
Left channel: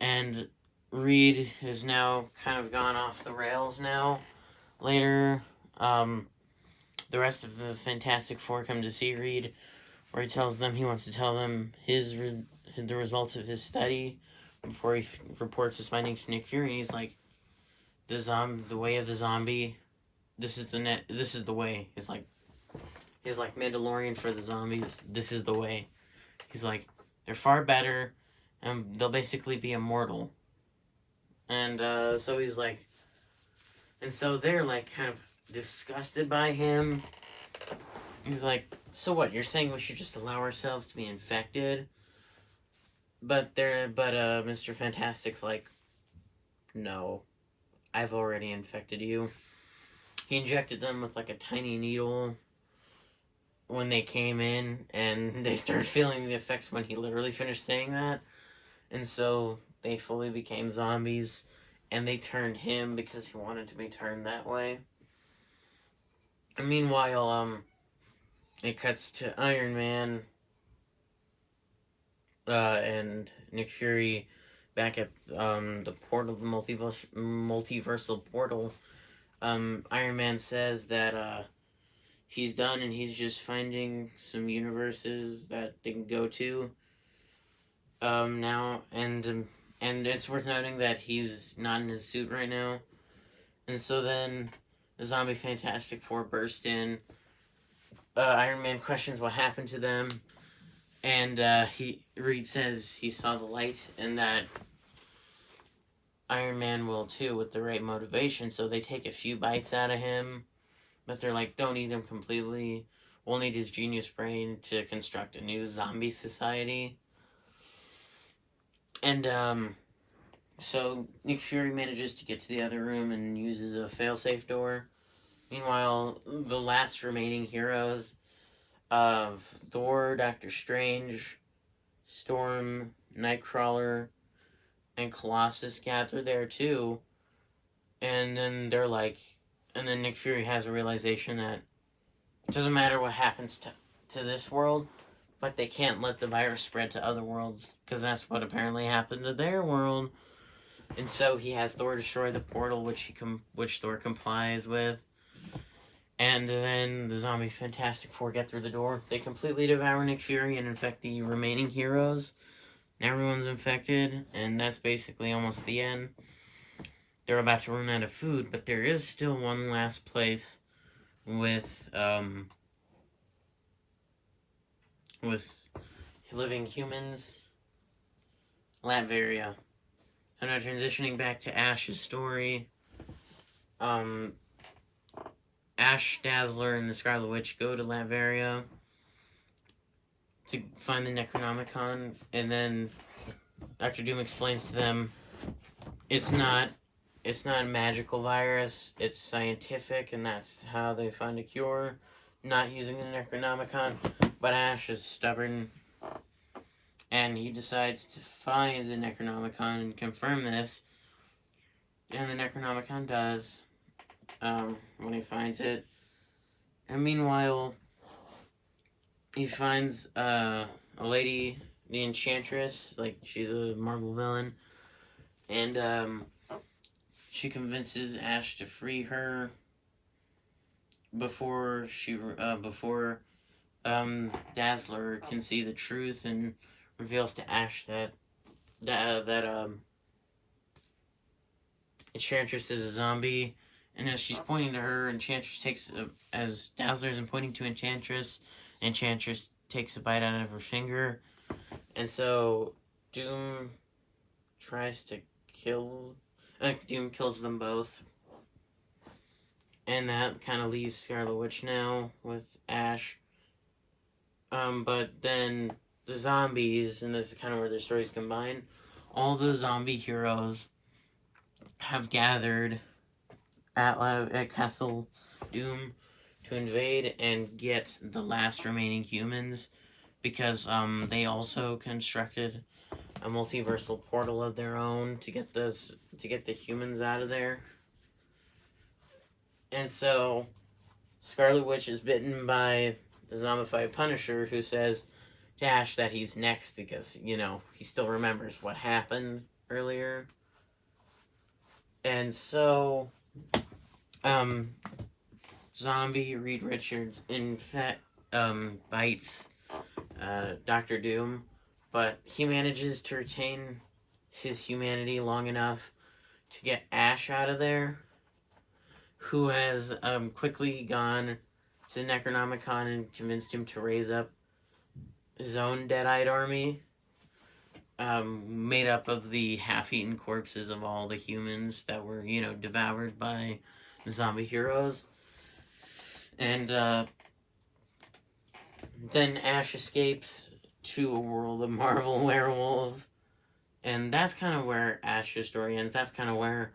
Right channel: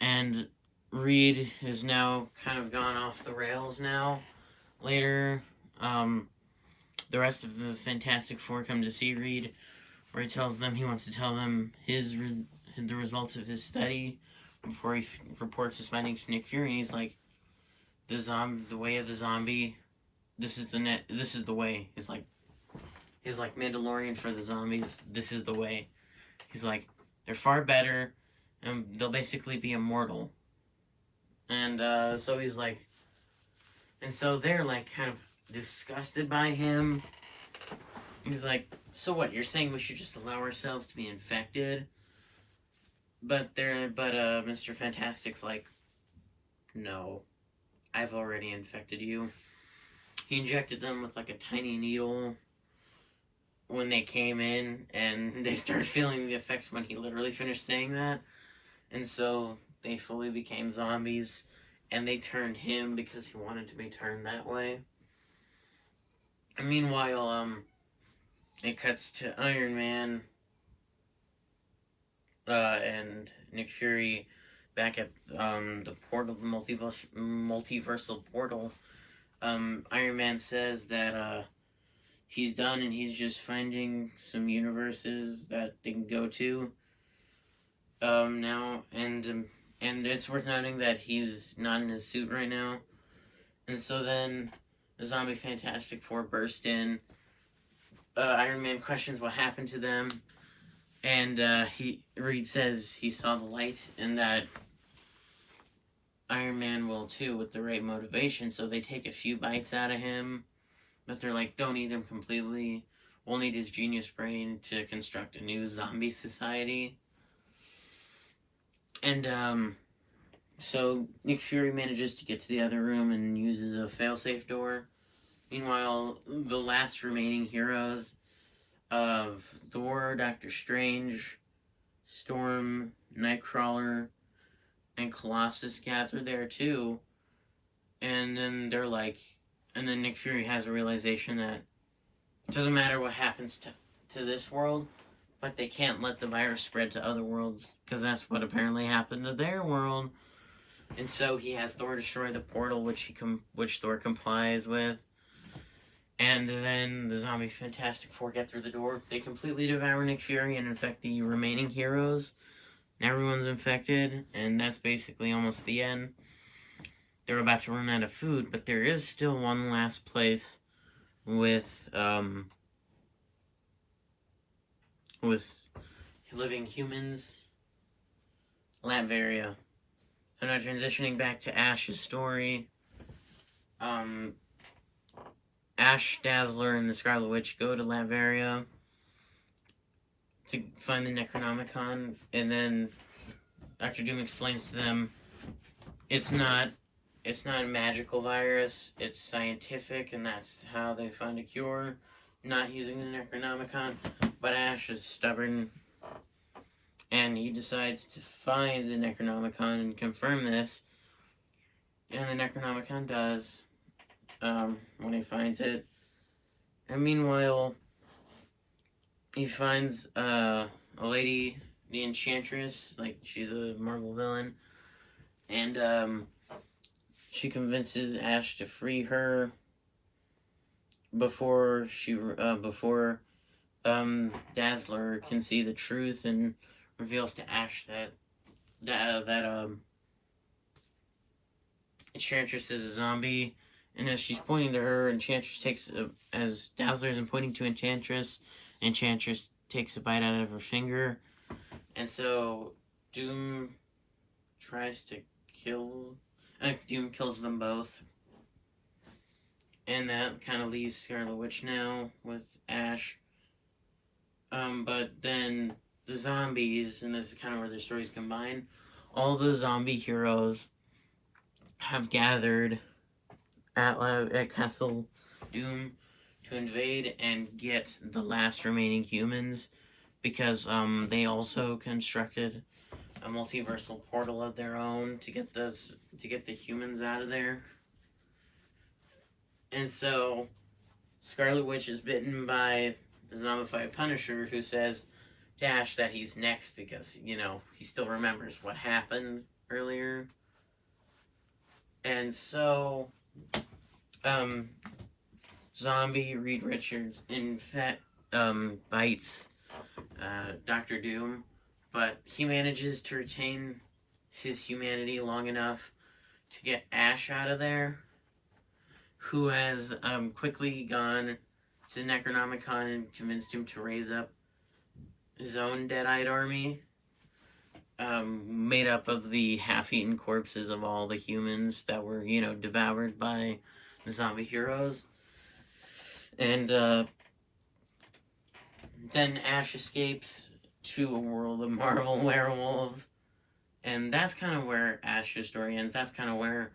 And Reed has now kind of gone off the rails now. Later, the rest of the Fantastic Four come to see Reed, where he tells them he wants to tell them the results of his study before he reports his findings to Nick Fury. And he's like, the way of the zombie. This is the way. He's like Mandalorian for the zombies. This is the way. He's like, they're far better, and they'll basically be immortal. And so he's like, and so they're like kind of disgusted by him. He's like, so what? You're saying we should just allow ourselves to be infected? But Mr. Fantastic's like, no, I've already infected you. He injected them with like a tiny needle when they came in, and they started feeling the effects when he literally finished saying that. And so they fully became zombies, and they turned him because he wanted to be turned that way. And meanwhile, it cuts to Iron Man and Nick Fury back at the portal, the multiversal portal. Iron Man says that he's done and he's just finding some universes that they can go to now, and it's worth noting that he's not in his suit right now. And so then the zombie Fantastic Four burst in. Iron Man questions what happened to them, and Reed says he saw the light and that Iron Man will too with the right motivation. So they take a few bites out of him, but they're like, don't eat him completely. We'll need his genius brain to construct a new zombie society. And so Nick Fury manages to get to the other room and uses a failsafe door. Meanwhile, the last remaining heroes of Thor, Doctor Strange, Storm, Nightcrawler, and Colossus gather there too. And then then Nick Fury has a realization that it doesn't matter what happens to this world, but they can't let the virus spread to other worlds, because that's what apparently happened to their world. And so he has Thor destroy the portal, which Thor complies with. And then the zombie Fantastic Four get through the door. They completely devour Nick Fury and infect the remaining heroes. Everyone's infected, and that's basically almost the end. They're about to run out of food, but there is still one last place with living humans. Latveria. So now transitioning back to Ash's story. Ash, Dazzler, and the Scarlet Witch go to Latveria to find the Necronomicon, and then Dr. Doom explains to them it's not a magical virus, it's scientific, and that's how they find a cure, not using the Necronomicon. But Ash is stubborn, and he decides to find the Necronomicon and confirm this, and the Necronomicon does, when he finds it. And meanwhile, he finds a lady, the Enchantress, like she's a Marvel villain, and she convinces Ash to free her before Dazzler can see the truth, and reveals to Ash that Enchantress is a zombie. And as she's pointing to her, as Dazzler is pointing to Enchantress takes a bite out of her finger. And so Doom kills them both. And that kind of leaves Scarlet Witch now with Ash. But then the zombies, and this is kind of where their stories combine, all the zombie heroes have gathered at Castle Doom to invade and get the last remaining humans, because they also constructed a multiversal portal of their own to get the humans out of there. And so Scarlet Witch is bitten by the zombified Punisher, who says to Ash that he's next because, he still remembers what happened earlier. And so zombie Reed Richards bites Dr. Doom, but he manages to retain his humanity long enough to get Ash out of there, who has quickly gone to Necronomicon and convinced him to raise up his own Deadite army, made up of the half-eaten corpses of all the humans that were, devoured by the zombie heroes. And then Ash escapes to a world of Marvel werewolves, and that's kind of where Ash's story ends. That's kind of where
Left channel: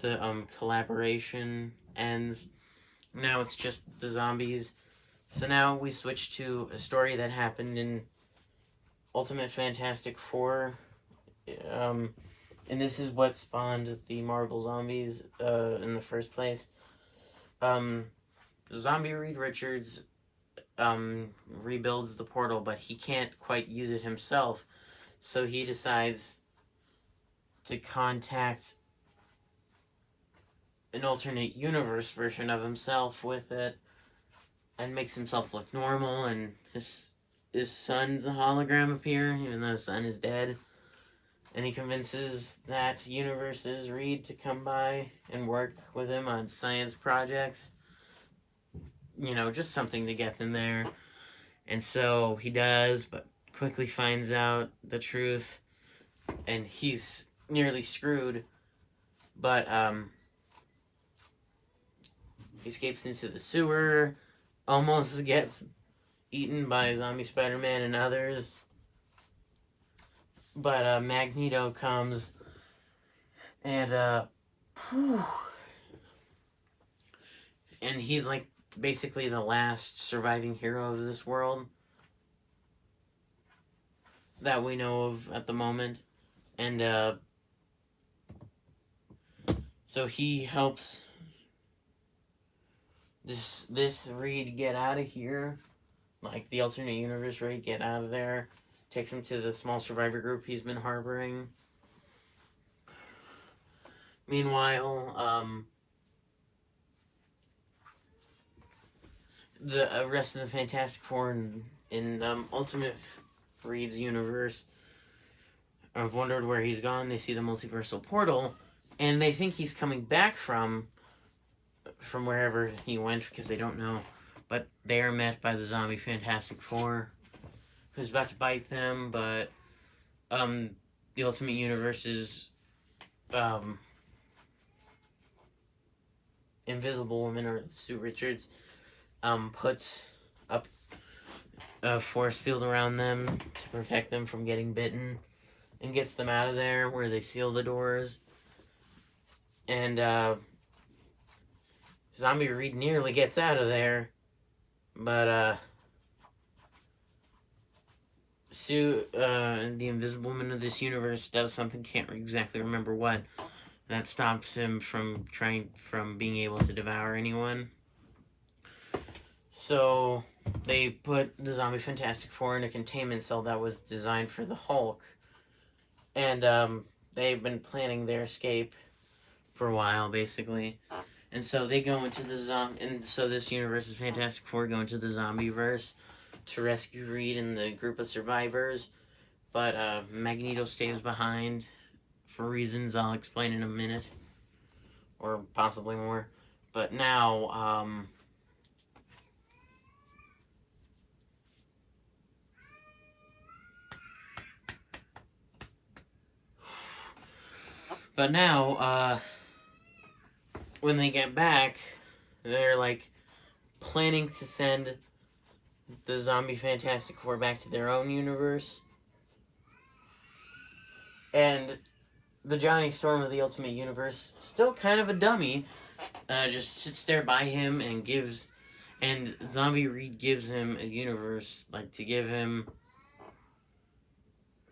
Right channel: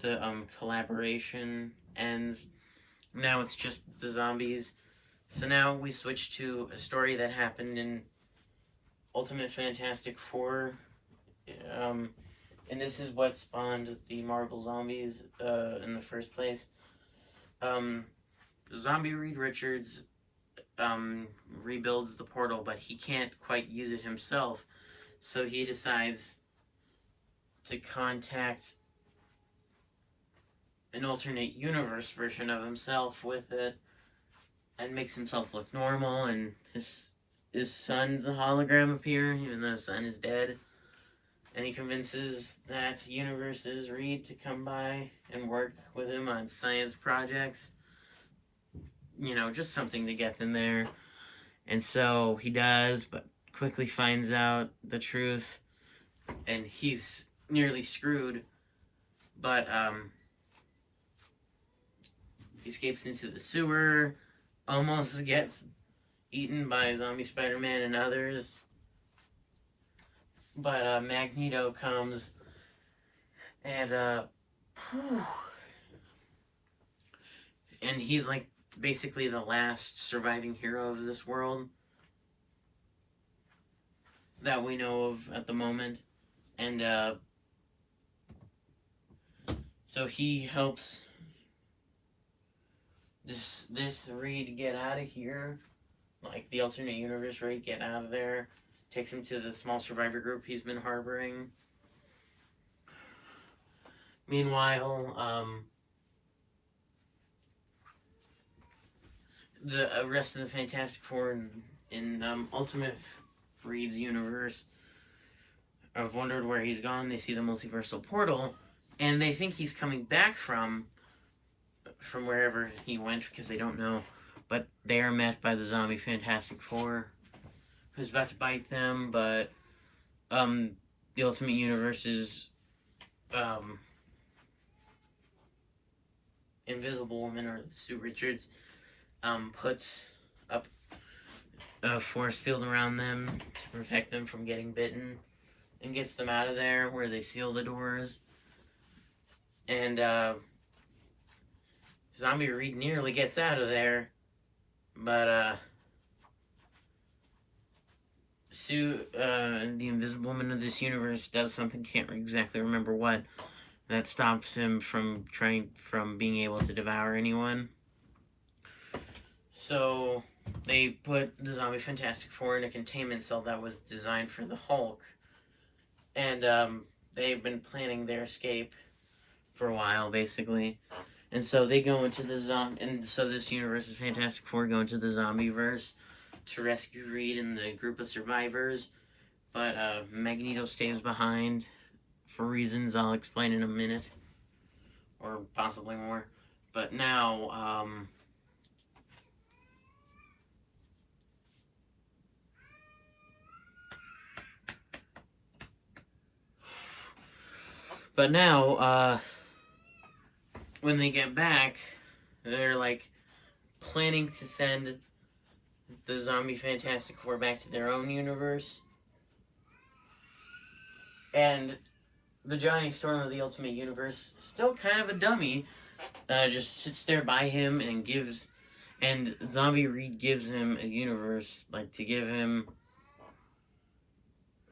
the collaboration ends. Now it's just the zombies. So now we switch to a story that happened in Ultimate Fantastic Four, and this is what spawned the Marvel Zombies in the first place. Zombie Reed Richards rebuilds the portal, but he can't quite use it himself, so he decides to contact an alternate universe version of himself with it, and makes himself look normal, and his son's a hologram appear, even though his son is dead. And he convinces that universe's Reed to come by and work with him on science projects. Just something to get them there. And so he does, but quickly finds out the truth, and he's nearly screwed. But he escapes into the sewer, almost gets eaten by zombie Spider-Man and others. But Magneto comes, and he's like basically the last surviving hero of this world that we know of at the moment. And so he helps this Reed get out of here, like the alternate universe Reed get out of there, takes him to the small survivor group he's been harboring. Meanwhile, the rest of the Fantastic Four in Ultimate Reed's universe have wondered where he's gone. They see the multiversal portal, and they think he's coming back from wherever he went, because they don't know. But they are met by the zombie Fantastic Four, who's about to bite them. But the Ultimate Universe's Invisible Woman, or Sue Richards, puts up a force field around them to protect them from getting bitten, and gets them out of there, where they seal the doors. And Zombie Reed nearly gets out of there, but Sue, the Invisible Woman of this universe, does something, can't exactly remember what, that stops him from being able to devour anyone. So they put the zombie Fantastic Four in a containment cell that was designed for the Hulk, and they've been planning their escape for a while, basically. And so they go into this universe's Fantastic Four go into the zombie-verse to rescue Reed and the group of survivors, but Magneto stays behind for reasons I'll explain in a minute, or possibly more. But now, when they get back, they're like planning to send the zombie Fantastic Four back to their own universe. And the Johnny Storm of the Ultimate Universe, still kind of a dummy, just sits there by him and Zombie Reed gives him a universe, like to give him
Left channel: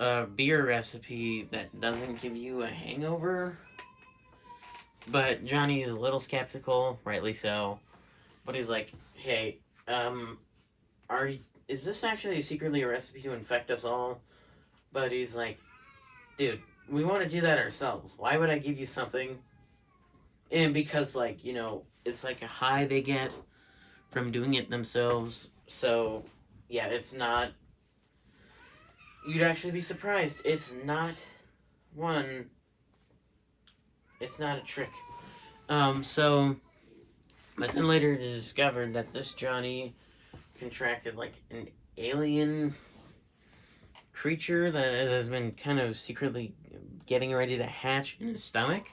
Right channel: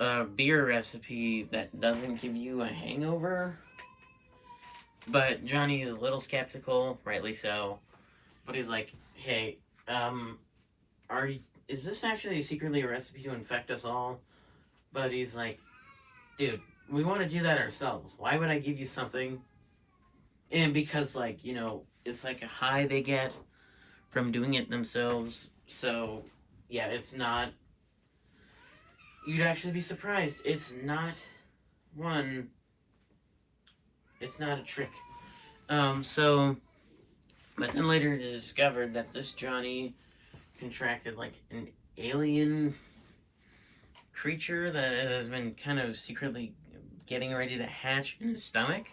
a beer recipe that doesn't give you a hangover. But Johnny is a little skeptical, rightly so. But he's like, hey, is this actually secretly a recipe to infect us all? But he's like, dude, we want to do that ourselves. Why would I give you something? And because, like, you know, it's like a high they get from doing it themselves. So, yeah, it's not. You'd actually be surprised. It's not a trick. But then later it is discovered that this Johnny contracted, like, an alien creature that has been kind of secretly getting ready to hatch in his stomach.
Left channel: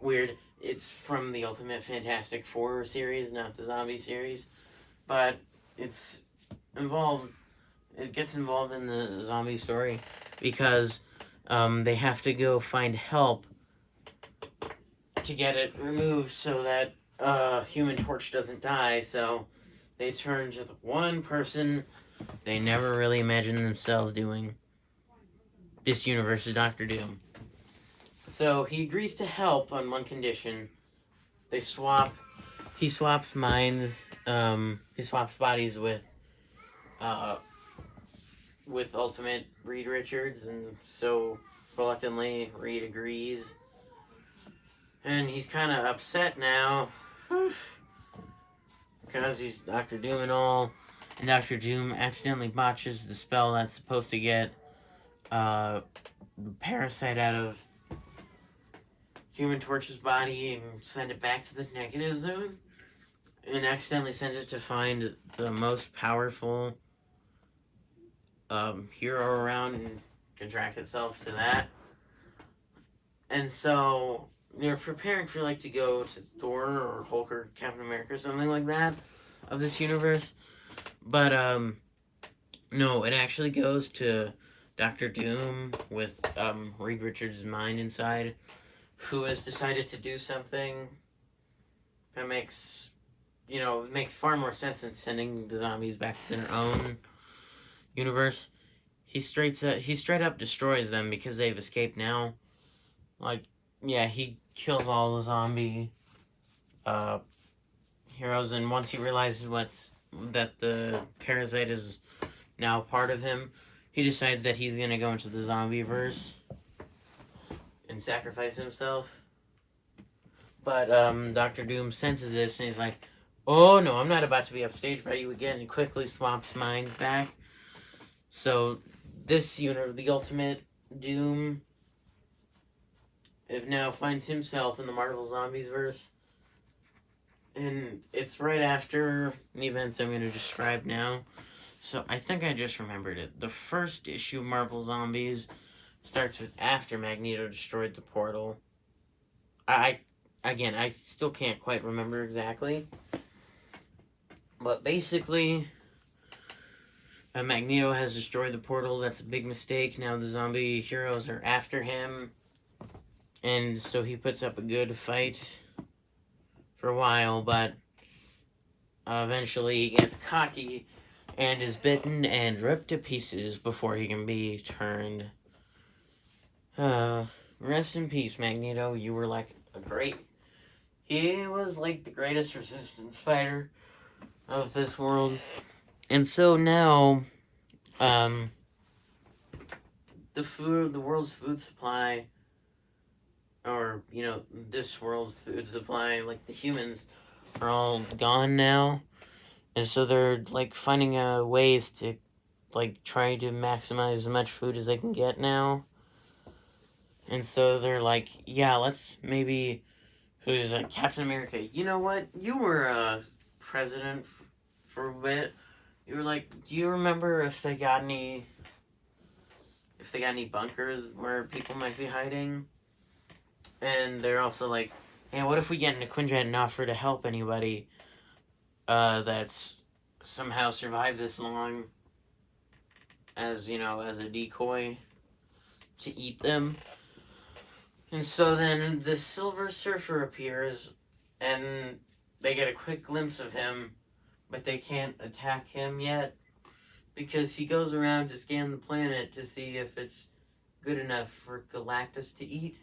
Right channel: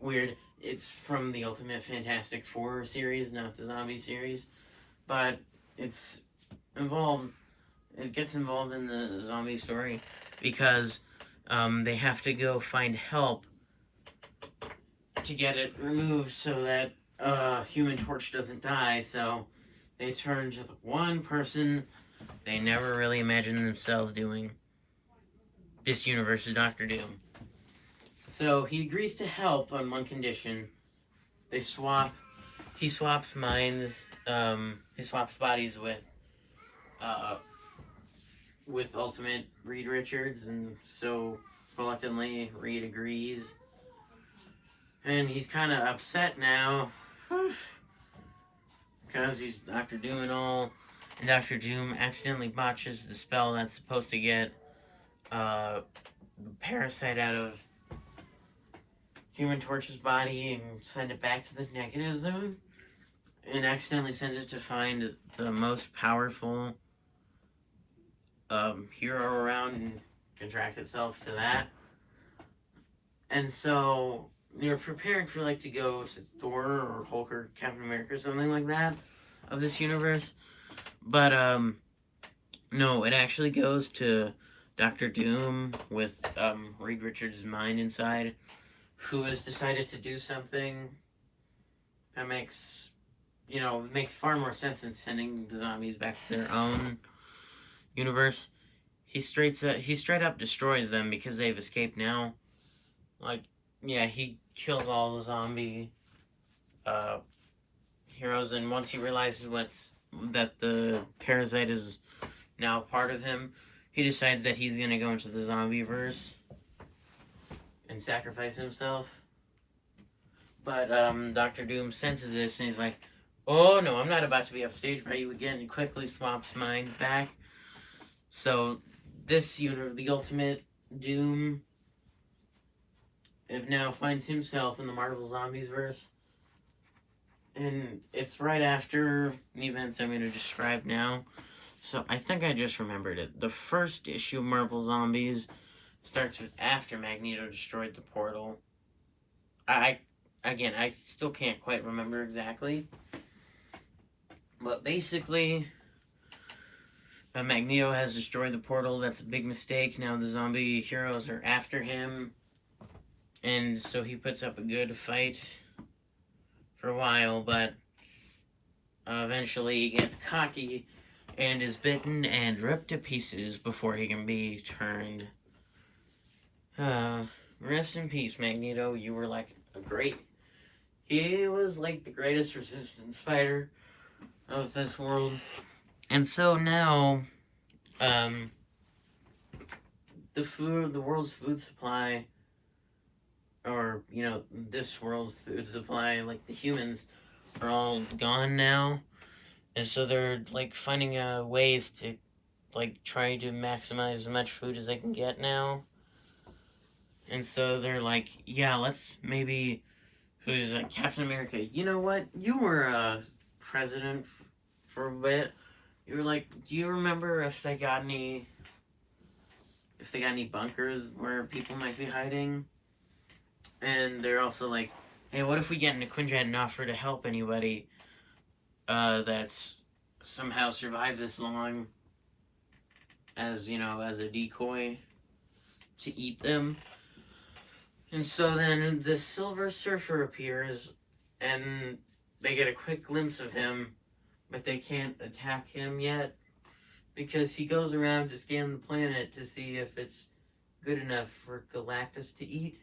Weird. It's from the Ultimate Fantastic Four series, not the zombie series. But it's involved. It gets involved in the zombie story because they have to go find help to get it removed so that Human Torch doesn't die. So they turn to the one person they never really imagined themselves doing. This universe is Doctor Doom. So he agrees to help on one condition. He swaps minds. He swaps bodies with Ultimate Reed Richards, and so reluctantly Reed agrees. And he's kind of upset now because he's Doctor Doom and all. And Doctor Doom accidentally botches the spell that's supposed to get the parasite out of Human Torch's body and send it back to the negative zone, and accidentally sends it to find the most powerful hero around and contract itself to that. And so they're preparing for, like, to go to Thor or Hulk or Captain America or something like that of this universe. But no, it actually goes to Doctor Doom with Reed Richards' mind inside, who has decided to do something that makes far more sense than sending the zombies back to their own universe. He straight up destroys them because they've escaped now. Like, yeah, he kills all the zombie heroes, and once he realizes that the parasite is now part of him, he decides that he's gonna go into the zombie-verse and sacrifice himself. But Doctor Doom senses this, and he's like, oh no, I'm not about to be upstaged by you again, and quickly swaps minds back. So this the Ultimate Doom now finds himself in the Marvel Zombies verse. And it's right after the events I'm going to describe now. So I think I just remembered it. The first issue of Marvel Zombies starts with after Magneto destroyed the portal. I still can't quite remember exactly. But basically, Magneto has destroyed the portal. That's a big mistake. Now the zombie heroes are after him. And so he puts up a good fight for a while, but eventually he gets cocky and is bitten and ripped to pieces before he can be turned. Rest in peace, Magneto. You were like he was like the greatest resistance fighter of this world. And so now, the world's food supply, or, this world's food supply, like the humans, are all gone now. And so they're, like, finding ways to, like, try to maximize as much food as they can get now. And so they're like, yeah, let's maybe, who's like, Captain America, you know what? You were president for a bit. You were like, do you remember if they got any bunkers where people might be hiding? And they're also like, hey, what if we get into Quinjet and offer to help anybody that's somehow survived this long as a decoy to eat them. And so then the Silver Surfer appears, and they get a quick glimpse of him, but they can't attack him yet because he goes around to scan the planet to see if it's good enough for Galactus to eat.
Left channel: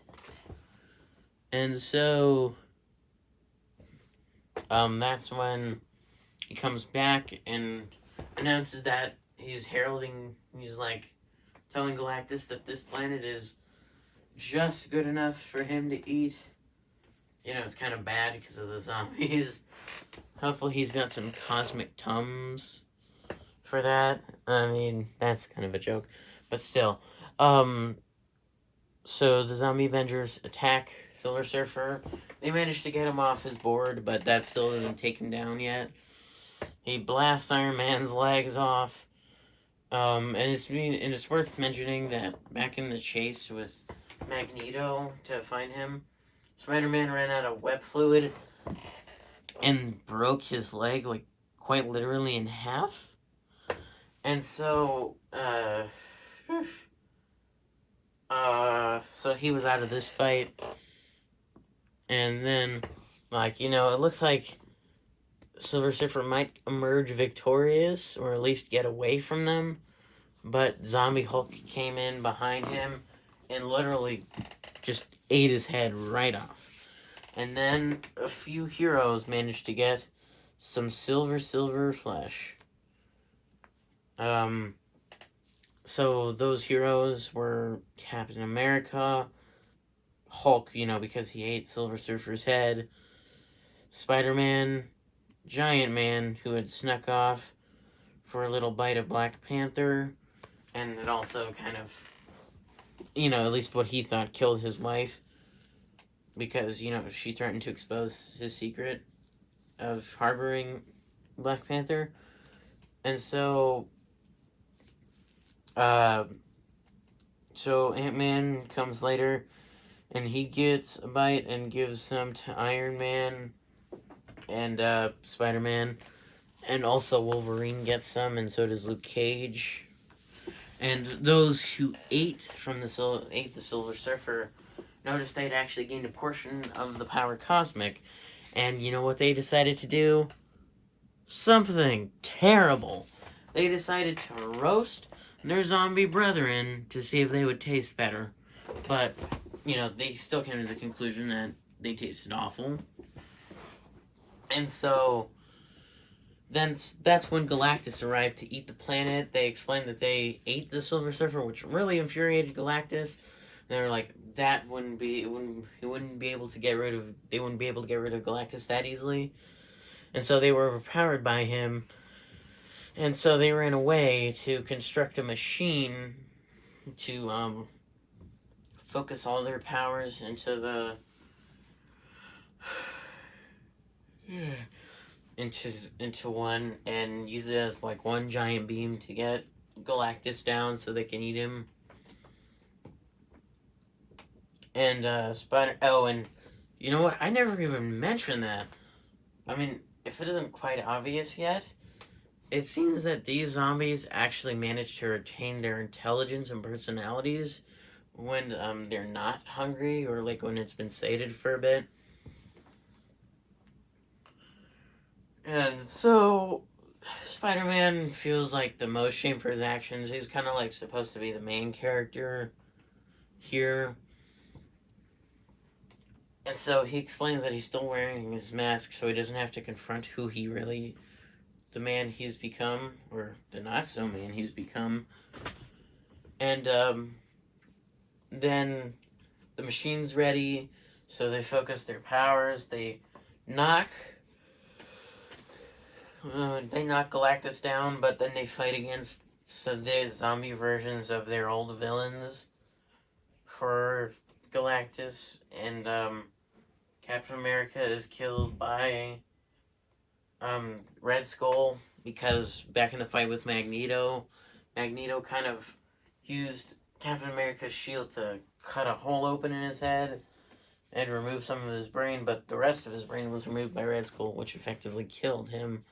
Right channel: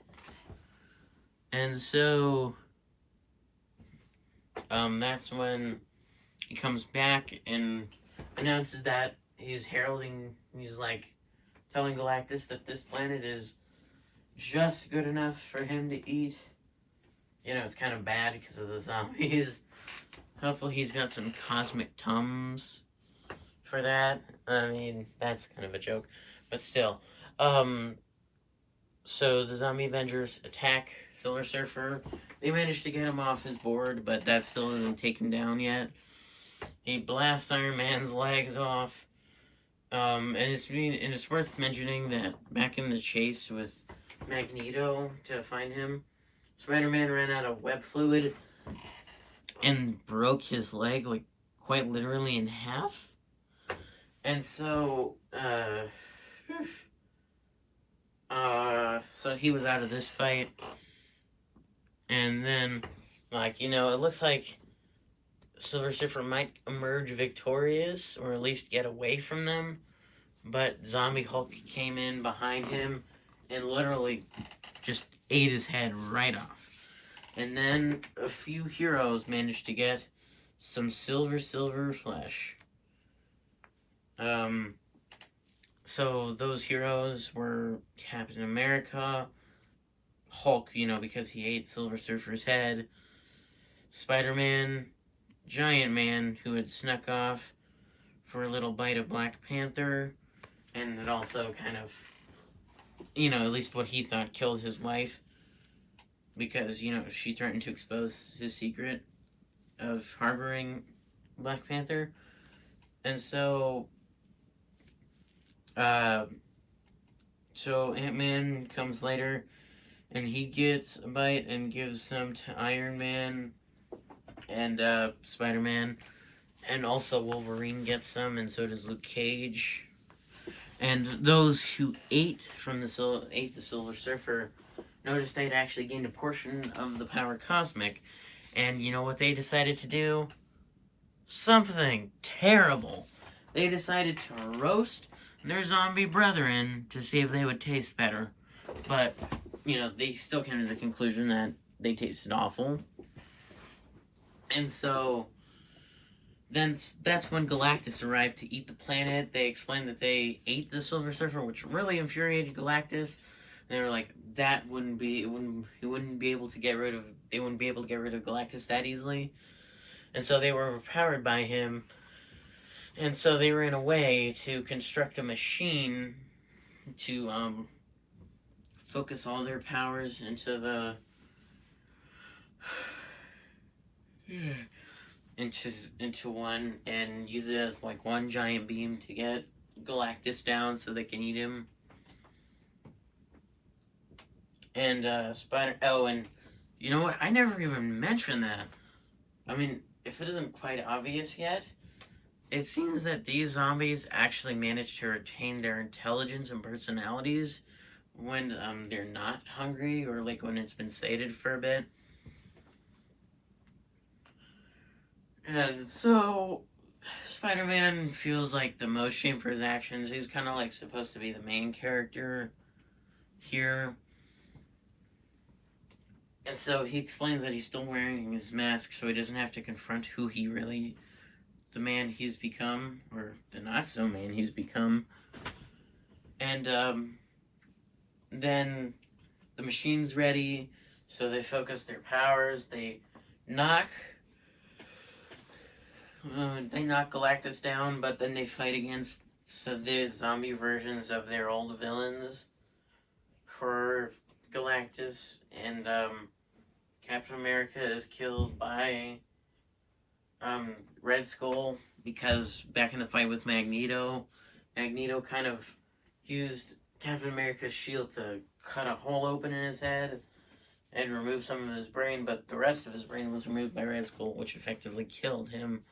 And so that's when he comes back and announces that he's like telling Galactus that this planet is just good enough for him to eat. You know, it's kind of bad because of the zombies. Hopefully he's got some cosmic Tums for that. I mean, that's kind of a joke, but still. So the zombie Avengers attack Silver Surfer. They manage to get him off his board, but that still doesn't take him down yet. He blasts Iron Man's legs off. And it's worth mentioning that back in the chase with Magneto to find him, Spider-Man ran out of web fluid and broke his leg, like, quite literally in half. And so, so he was out of this fight. And then, like, you know, it looks like Silver Surfer might emerge victorious, or at least get away from them. But Zombie Hulk came in behind him and literally just ate his head right off. And then a few heroes managed to get some silver flesh. So those heroes were Captain America, Hulk, you know, because he ate Silver Surfer's head, Spider-Man, Giant Man, who had snuck off for a little bite of Black Panther, and it also kind of, you know, at least what he thought killed his wife, because, you know, she threatened to expose his secret of harboring Black Panther. And so, so Ant-Man comes later, and he gets a bite and gives some to Iron Man and Spider-Man, and also Wolverine gets some, and so does Luke Cage. And those who ate the Silver Surfer noticed they'd actually gained a portion of the power cosmic. And you know what they decided to do? Something terrible. They decided to roast their zombie brethren to see if they would taste better. But, you know, they still came to the conclusion that they tasted awful. And so then that's when Galactus arrived to eat the planet. They explained that they ate the Silver Surfer, which really infuriated Galactus. And they were like, they wouldn't be able to get rid of Galactus that easily. And so they were overpowered by him. And so they ran away to construct a machine to focus all their powers into the into one, and use it as like one giant beam to get Galactus down so they can eat him. And and you know what? I never even mentioned that. I mean, if it isn't quite obvious yet, it seems that these zombies actually manage to retain their intelligence and personalities when they're not hungry, or like when it's been sated for a bit. And so Spider-Man feels like the most shame for his actions. He's kind of like supposed to be the main character here. And so he explains that he's still wearing his mask so he doesn't have to confront who the man he's become, or the not-so-man he's become. And then the machine's ready, so they focus their powers. They knock Galactus down, but then they fight against the zombie versions of their old villains for Galactus, and Captain America is killed by Red Skull, because back in the fight with Magneto kind of used Captain America's shield to cut a hole open in his head and remove some of his brain, but the rest of his brain was removed by Red Skull, which effectively killed him.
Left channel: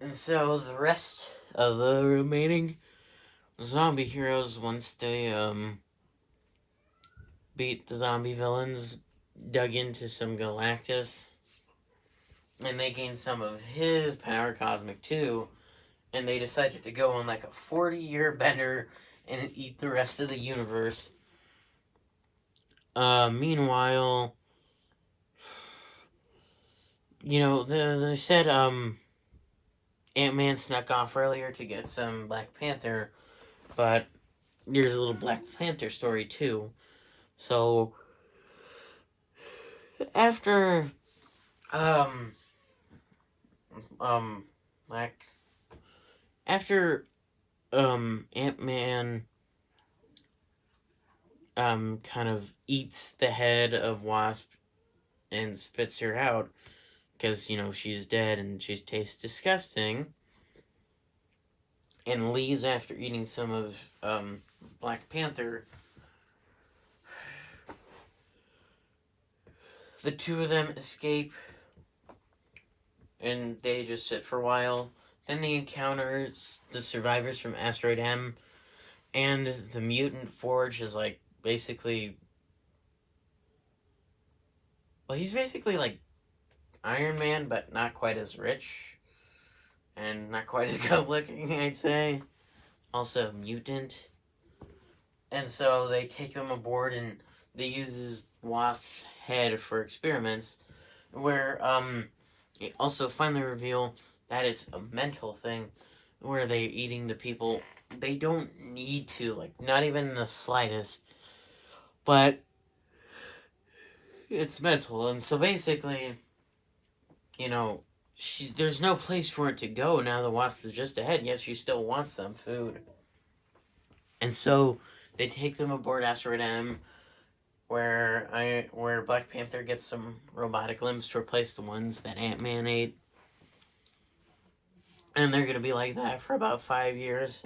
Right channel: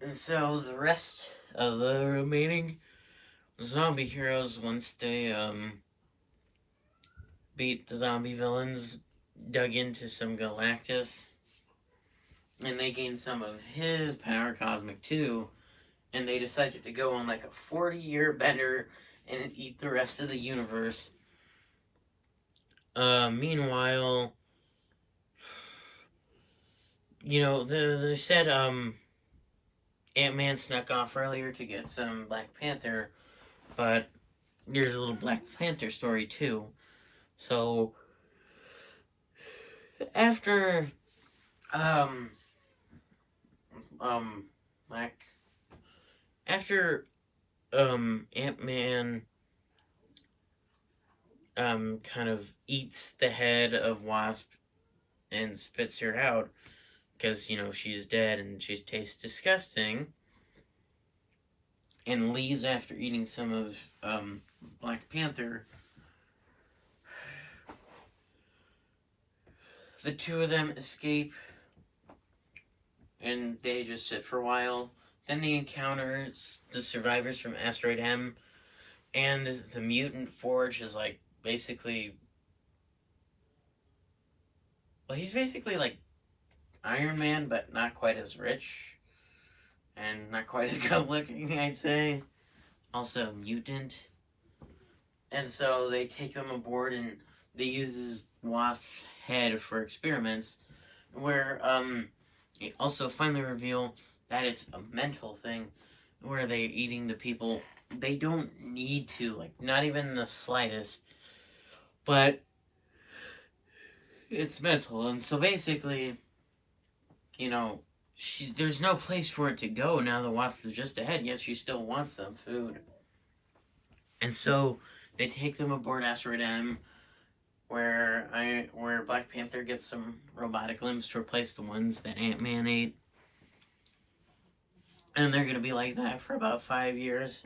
And so the rest of the remaining zombie heroes, once they beat the zombie villains, dug into some Galactus, and they gained some of his power cosmic too, and they decided to go on like a 40-year bender and eat the rest of the universe. Meanwhile, they said Ant-Man snuck off earlier to get some Black Panther, but there's a little Black Panther story too. So after Black after Ant-Man kind of eats the head of Wasp and spits her out because she's dead and she tastes disgusting, and leaves after eating some of Black Panther. The two of them escape and they just sit for a while. Then they encounter the survivors from Asteroid M, and the mutant Forge is like basically, well, he's basically like Iron Man, but not quite as rich and not quite as good looking, I'd say. Also a mutant. And so they take them aboard and they use his Wasp's head for experiments, where they also finally reveal that it's a mental thing, where they're eating the people. They don't need to, like, not even the slightest, but it's mental. And so basically, there's no place for it to go now the Wasp is just ahead. Yes, she still wants some food. And so they take them aboard Asteroid M, where Black Panther gets some robotic limbs to replace the ones that Ant-Man ate. And they're going to be like that for about 5 years.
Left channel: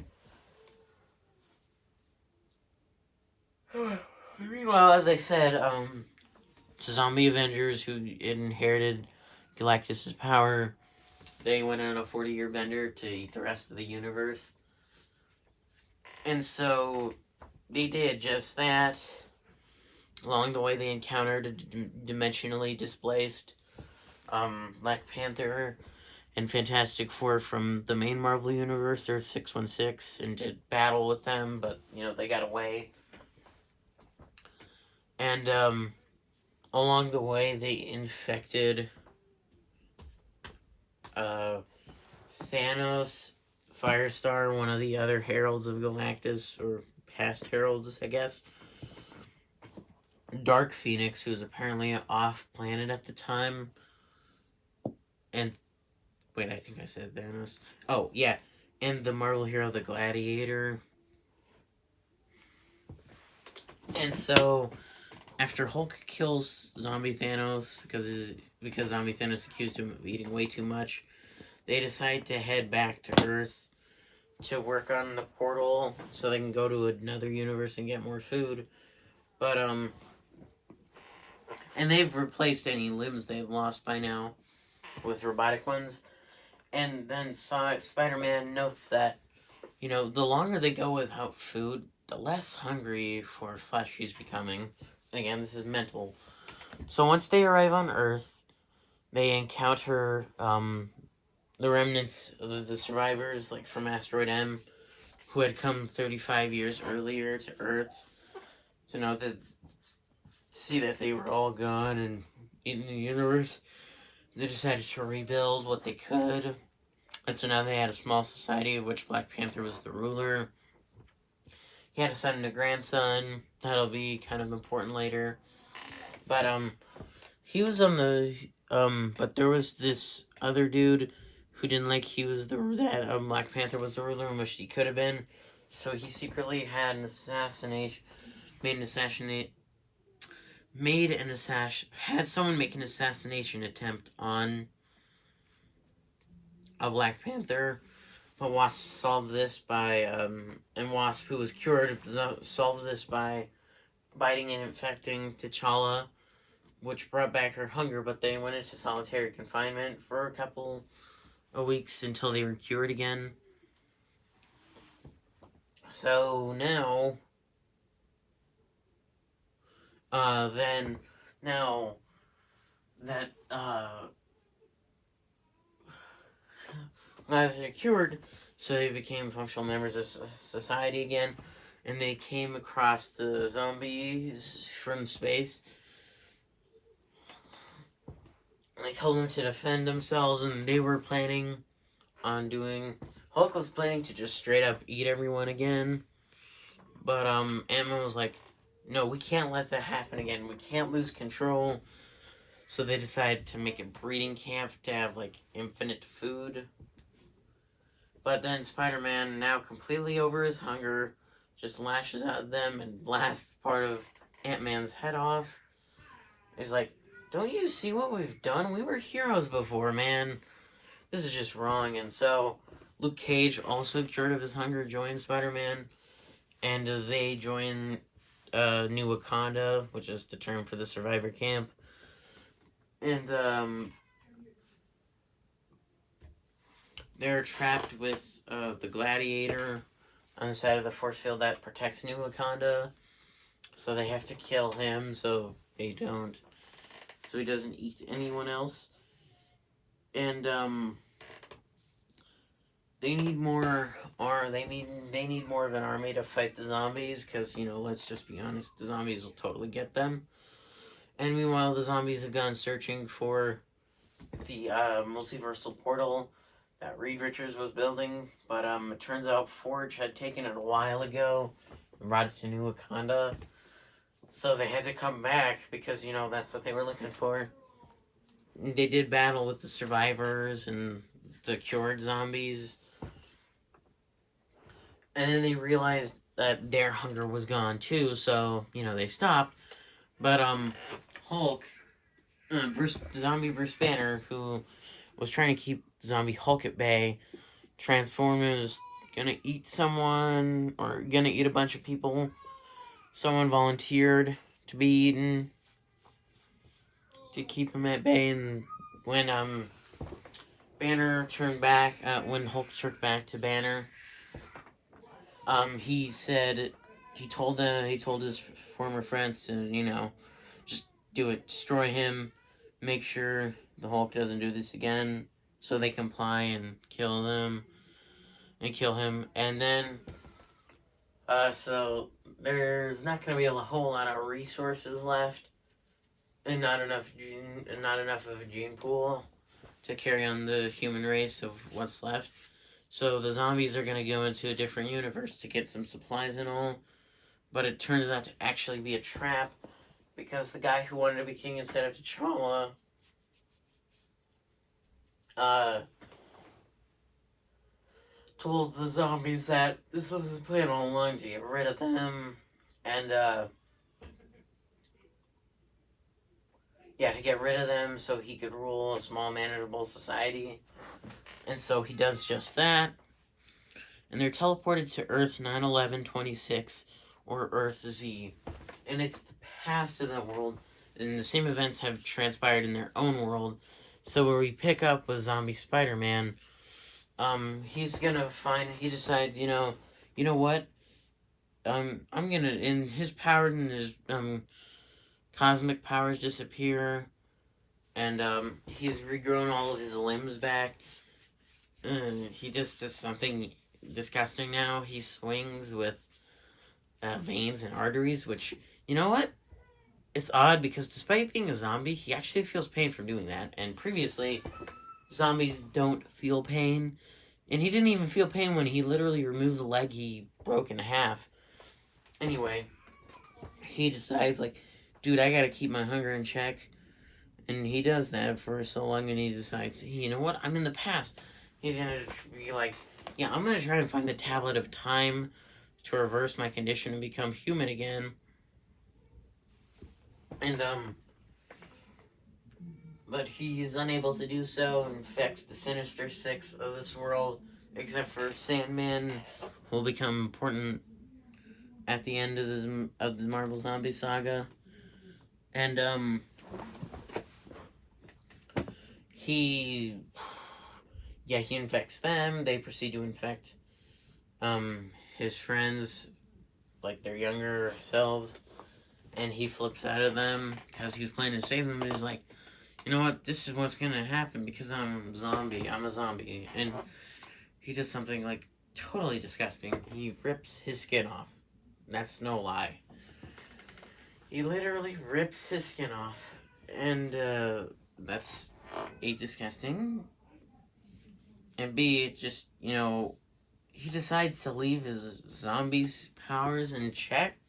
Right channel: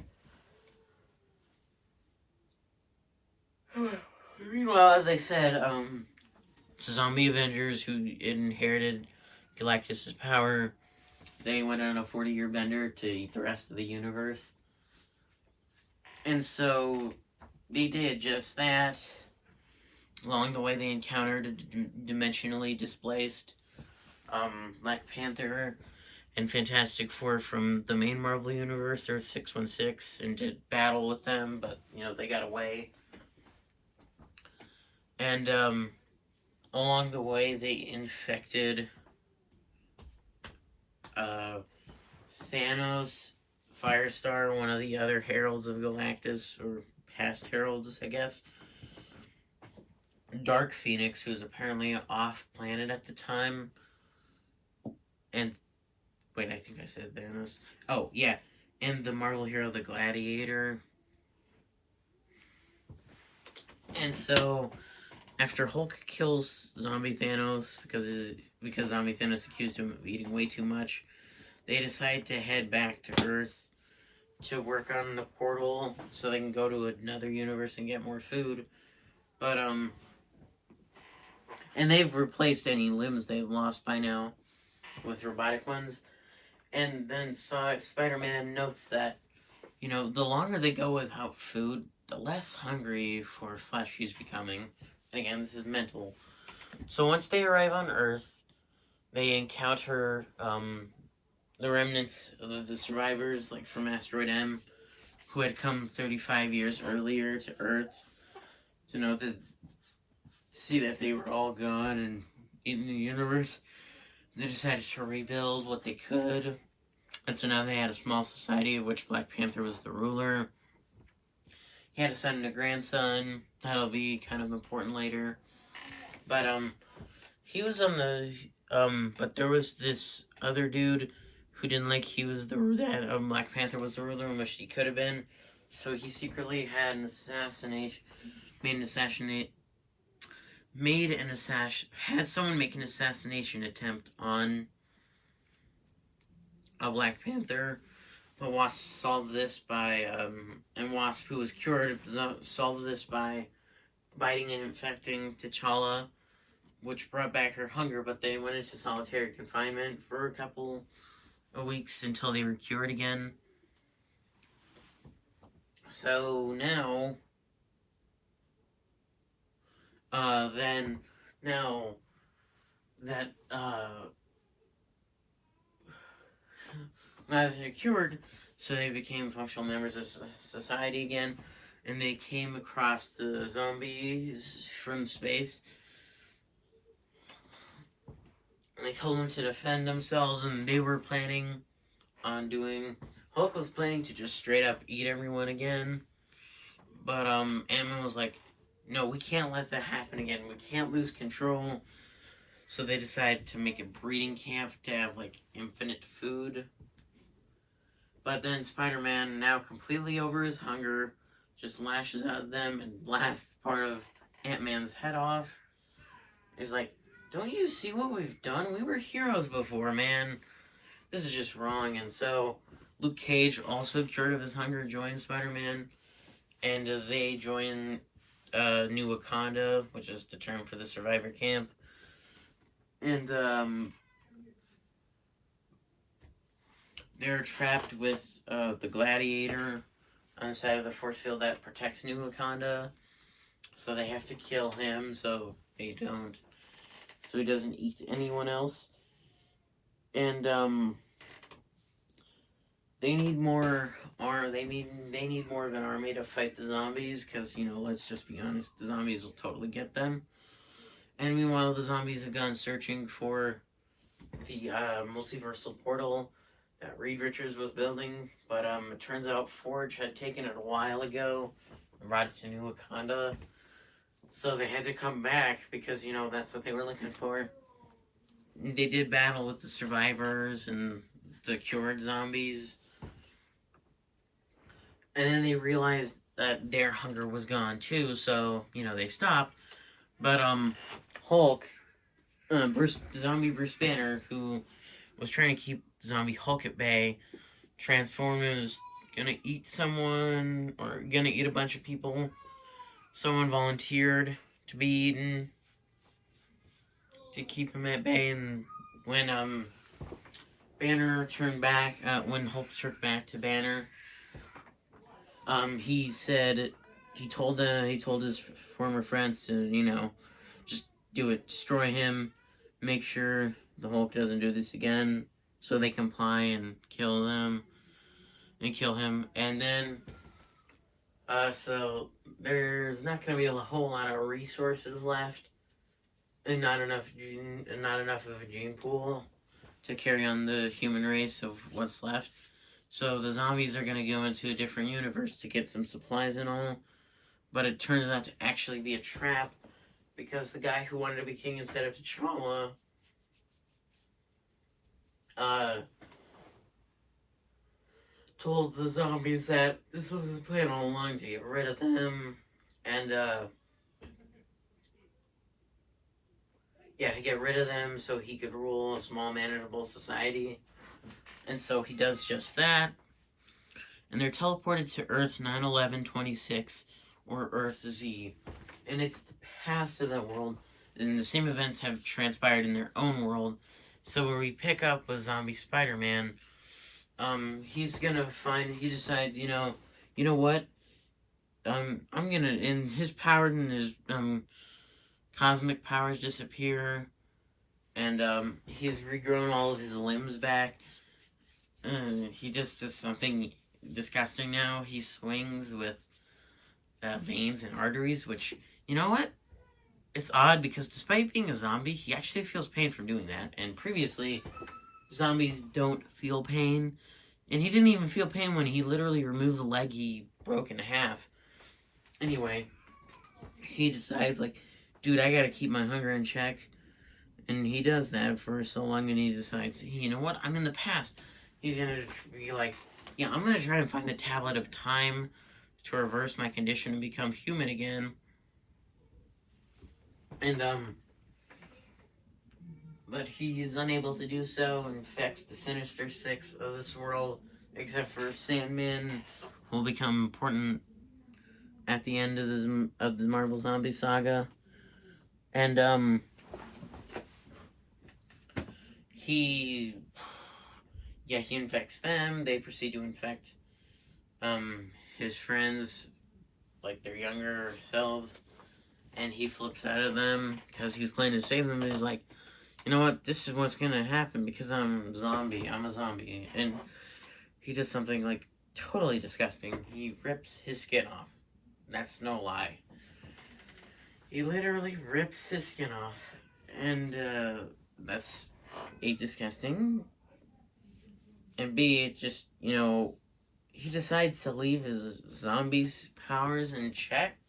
Meanwhile, as I said, the zombie Avengers who inherited Galactus' power, they went on a 40-year bender to eat the rest of the universe. And so they did just that. Along the way, they encountered a dimensionally displaced Black Panther and Fantastic Four from the main Marvel Universe, Earth 616, and did battle with them, but, they got away. And along the way, they infected Thanos, Firestar, one of the other heralds of Galactus, or past heralds, I guess. Dark Phoenix, who was apparently off-planet at the time. And, wait, I think I said Thanos. Oh, yeah, and the Marvel hero, the Gladiator. And so, after Hulk kills Zombie Thanos, because Zombie Thanos accused him of eating way too much, they decide to head back to Earth to work on the portal so they can go to another universe and get more food. But, and they've replaced any limbs they've lost by now with robotic ones. And then Spider-Man notes that, the longer they go without food, the less hungry for flesh he's becoming. Again, this is mental. So once they arrive on Earth, they encounter the remnants of the survivors, like from Asteroid M, who had come 35 years earlier to Earth to see that they were all gone and in the universe. They decided to rebuild what they could. And so now they had a small society of which Black Panther was the ruler. He had a son and a grandson. That'll be kind of important later. But, he was on the, but there was this other dude who didn't like Black Panther was the ruler, and wished he could have been. So he secretly had had someone make an assassination attempt on a Black Panther. But Wasp solved this by, and Wasp, who was cured, solves this by biting and infecting T'Challa, which brought back her hunger, but they went into solitary confinement for a couple of weeks until they were cured again. So now, then, now that, now that they're cured, so they became functional members of society again, and they came across the zombies from space. And they told them to defend themselves, and they were planning on doing. Hulk was planning to just straight up eat everyone again, but Ant-Man was like, "No, we can't let that happen again. We can't lose control." So they decided to make a breeding camp to have like infinite food. But then Spider-Man, now completely over his hunger, just lashes out at them and blasts part of Ant-Man's head off. He's like, "Don't you see what we've done? We were heroes before, man. This is just wrong." And so Luke Cage, also cured of his hunger, joins Spider-Man, and they join New Wakanda, which is the term for the survivor camp. And they're trapped with the Gladiator on the side of the force field that protects New Wakanda. So they have to kill him so he doesn't eat anyone else. And they need more they need more of an army to fight the zombies, because, let's just be honest, the zombies will totally get them. And meanwhile, the zombies have gone searching for the multiversal portal that Reed Richards was building, but it turns out Forge had taken it a while ago and brought it to New Wakanda. So they had to come back because, that's what they were looking for. They did battle with the survivors and the cured zombies. And then they realized that their hunger was gone too, so, they stopped. But, Hulk, zombie Bruce Banner, who was trying to keep zombie Hulk at bay, Transformers gonna eat someone, or gonna eat a bunch of people. Someone volunteered to be eaten to keep him at bay, and when Banner turned back, when Hulk turned back to Banner, he said he told his former friends to just do it, destroy him, make sure the Hulk doesn't do this again, so they comply and kill him. And then so there's not going to be a whole lot of resources left, and not enough of a gene pool to carry on the human race of what's left. So the zombies are going to go into a different universe to get some supplies and all, but it turns out to actually be a trap, because the guy who wanted to be king instead of T'Challa told the zombies that this was his plan all along, to get rid of them, and to get rid of them so he could rule a small, manageable society. And so he does just that, and they're teleported to Earth 9/11/26, or Earth Z, and it's the past of that world, and the same events have transpired in their own world. So where we pick up with Zombie Spider-Man, he decides, you know what, I'm gonna, and his power and his cosmic powers disappear, and he's regrown all of his limbs back. He just does something disgusting now. He swings with veins and arteries, which, you know what? It's odd, because despite being a zombie, he actually feels pain from doing that. And previously, zombies don't feel pain. And he didn't even feel pain when he literally removed the leg he broke in half. Anyway, he decides, dude, I gotta keep my hunger in check. And he does that for so long, and he decides, hey, you know what? I'm in the past. He's gonna be like, yeah, I'm gonna try and find the tablet of time to reverse my condition and become human again. And, but he's unable to do so, and infects the Sinister Six of this world, except for Sandman, who will become important at the end of the Marvel Zombie saga. And, he infects them. They proceed to infect, his friends, like their younger selves, and he flips out of them because he was planning to save them. And he's like, you know what? This is what's gonna happen because I'm a zombie. And he does something like totally disgusting. He rips his skin off. That's no lie. He literally rips his skin off, and that's A, disgusting, and B, it just, he decides to leave his zombies powers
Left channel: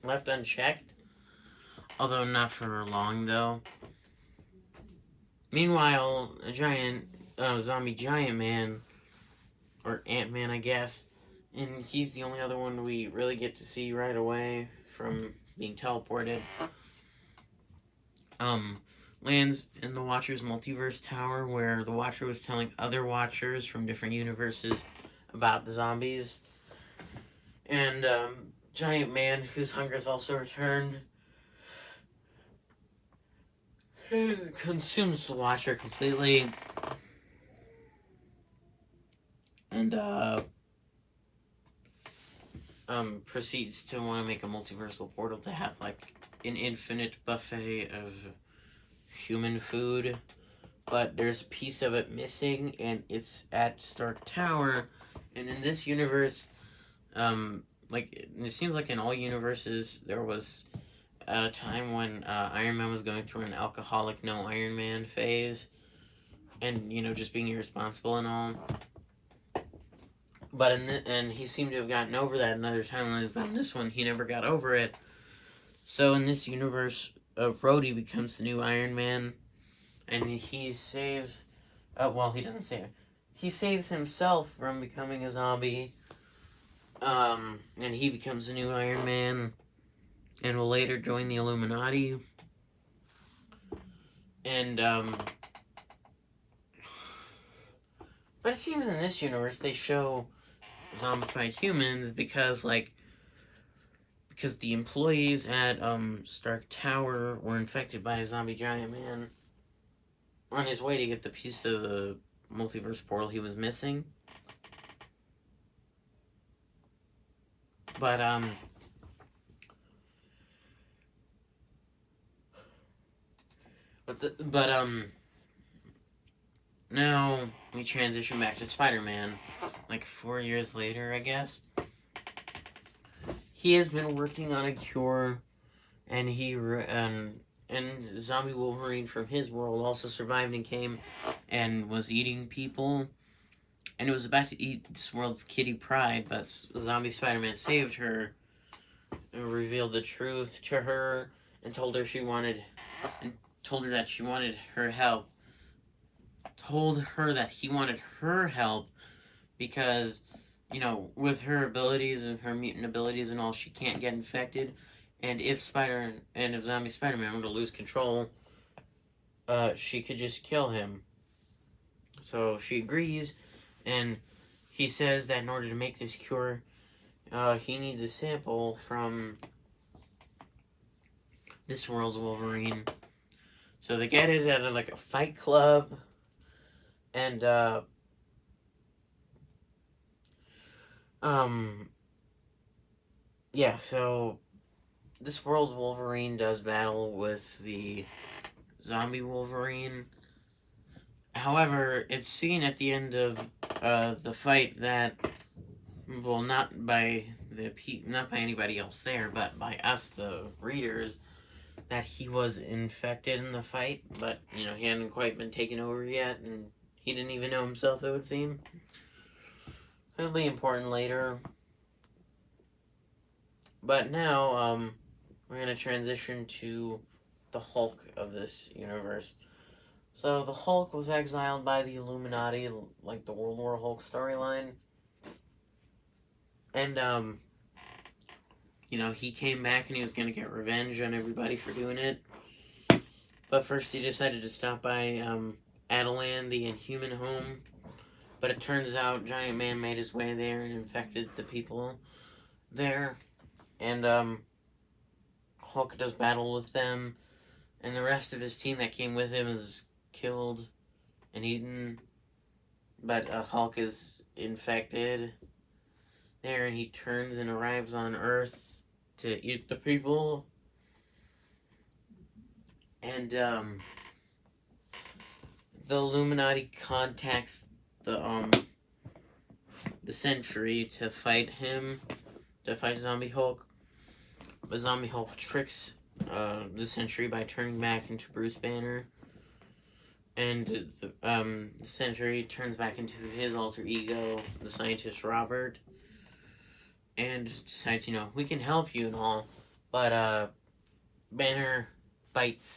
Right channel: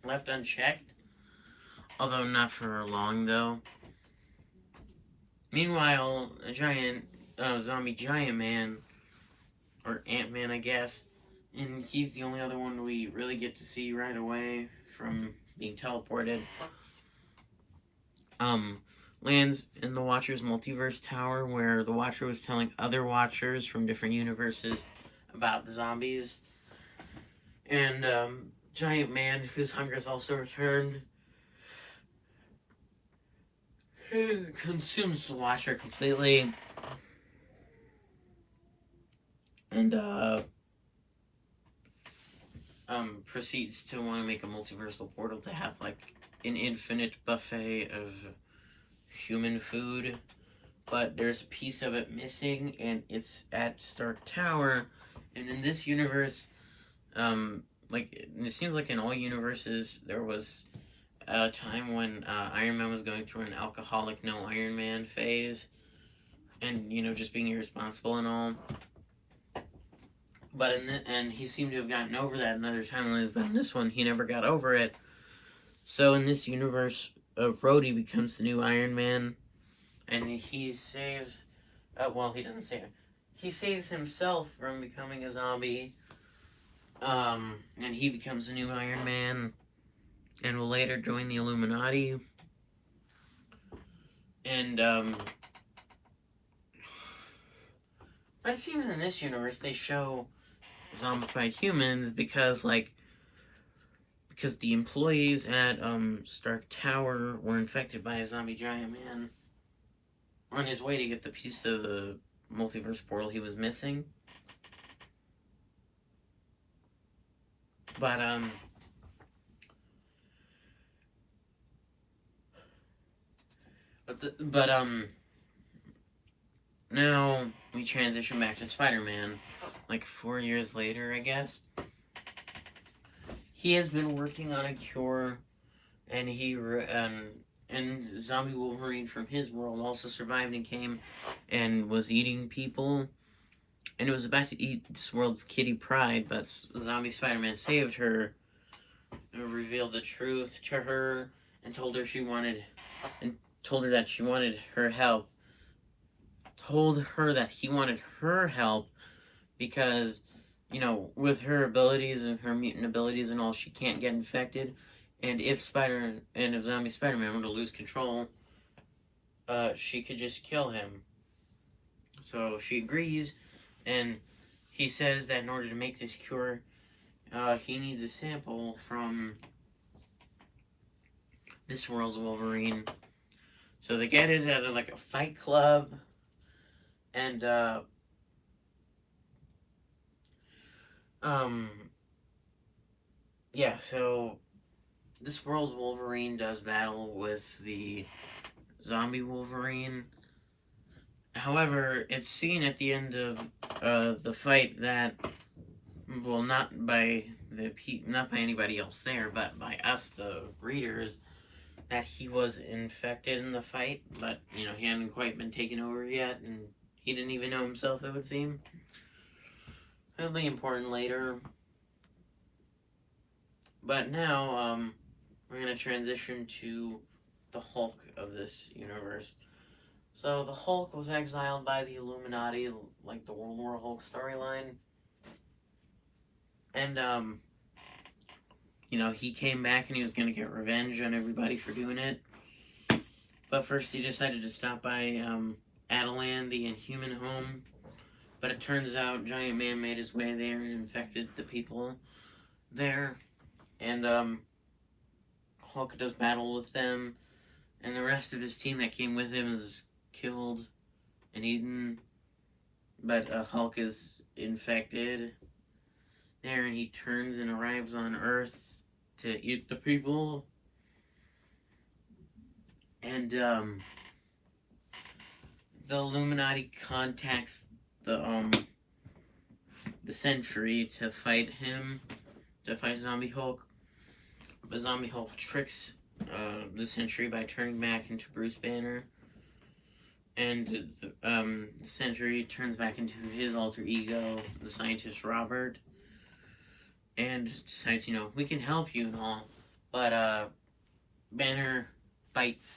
left unchecked. Although not for long, though. Meanwhile, a zombie giant man, or Ant-Man, I guess, and he's the only other one we really get to see right away from being teleported, lands in the Watcher's multiverse tower, where the Watcher was telling other Watchers from different universes about the zombies. And, Giant Man, whose hunger is also returned, consumes the Watcher completely. And, proceeds to want to make a multiversal portal to have, like, an infinite buffet of human food. But there's a piece of it missing, and it's at Stark Tower. And in this universe, it seems like in all universes, there was a time when Iron Man was going through an alcoholic, no Iron Man phase, and just being irresponsible and all. But and he seemed to have gotten over that another time. But in this one, he never got over it. So in this universe, Rhodey becomes the new Iron Man, and he saves. He doesn't save it. He saves himself from becoming a zombie. And he becomes the new Iron Man, and will later join the Illuminati. And but it seems in this universe they show zombified humans because the employees at Stark Tower were infected by a zombie giant man on his way to get the piece of the multiverse portal he was missing. But now we transition back to Spider-Man, like 4 years later, I guess. He has been working on a cure, and and Zombie Wolverine from his world also survived and came and was eating people, and it was about to eat this world's Kitty Pryde, but Zombie Spider-Man saved her and revealed the truth to her and told her that she wanted her help. Told her that he wanted her help because, with her abilities and her mutant abilities and all, she can't get infected. And if Zombie Spider-Man were to lose control, she could just kill him. So she agrees, and he says that in order to make this cure, he needs a sample from this world's Wolverine. So they get it at a fight club, and so this world's Wolverine does battle with the zombie Wolverine. However, it's seen at the end of the fight that, well, not by anybody else there, but by us, the readers, that he was infected in the fight, but, he hadn't quite been taken over yet, and he didn't even know himself, it would seem. It'll be important later. But now, we're going to transition to the Hulk of this universe. So, the Hulk was exiled by the Illuminati, like the World War Hulk storyline. And, he came back and he was going to get revenge on everybody for doing it. But first he decided to stop by Attilan, the Inhuman home. But it turns out Giant Man made his way there and infected the people there. And Hulk does battle with them. And the rest of his team that came with him is killed and eaten. But Hulk is infected. there, and he turns and arrives on Earth to eat the people. And the Illuminati contacts the Sentry to fight him, to fight Zombie Hulk. But Zombie Hulk tricks the Sentry by turning back into Bruce Banner. And the Sentry turns back into his alter ego, the scientist Robert. And decides, we can help you and all. But Banner bites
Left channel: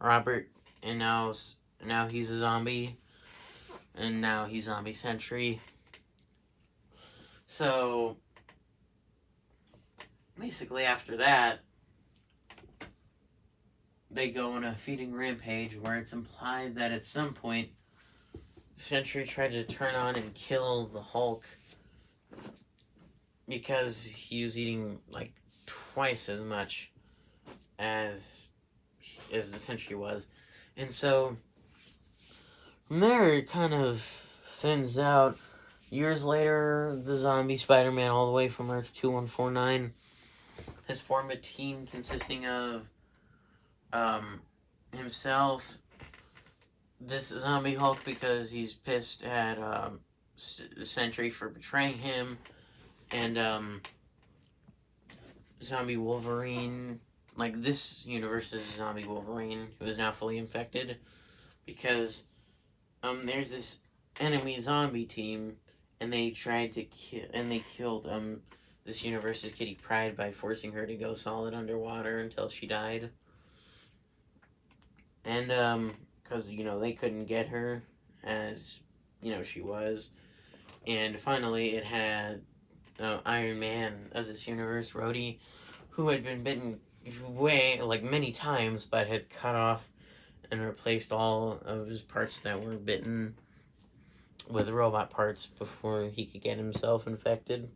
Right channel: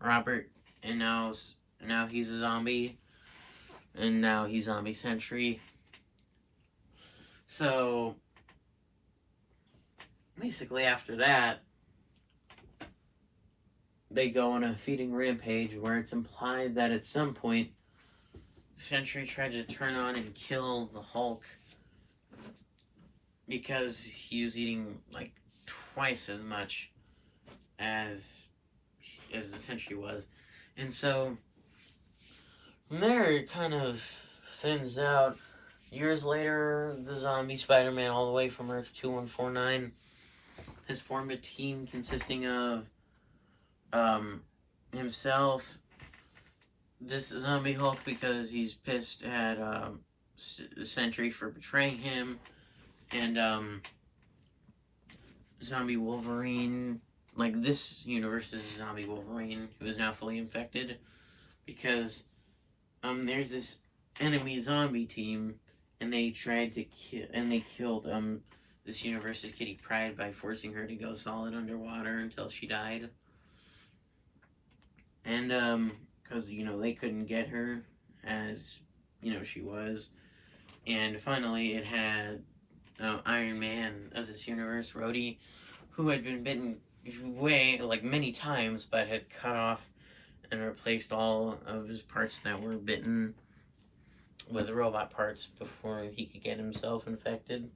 Robert, and now he's a zombie. And now he's Zombie Sentry. So basically after that, they go on a feeding rampage where it's implied that at some point Sentry tried to turn on and kill the Hulk because he was eating like twice as much as the Sentry was. And so from there it kind of thins out. Years later, the zombie Spider-Man, all the way from Earth 2149, has formed a team consisting of himself, this Zombie Hulk because he's pissed at the Sentry for betraying him, and Zombie Wolverine. Like, this universe is Zombie Wolverine, who is now fully infected, because there's this enemy zombie team, and they tried to kill, and they killed this universe's Kitty Pryde by forcing her to go solid underwater until she died. And because they couldn't get her as she was. And finally it had Iron Man of this universe, Rhodey, who had been bitten many times, but had cut off and replaced all of his parts that were bitten with robot parts before he could get himself infected.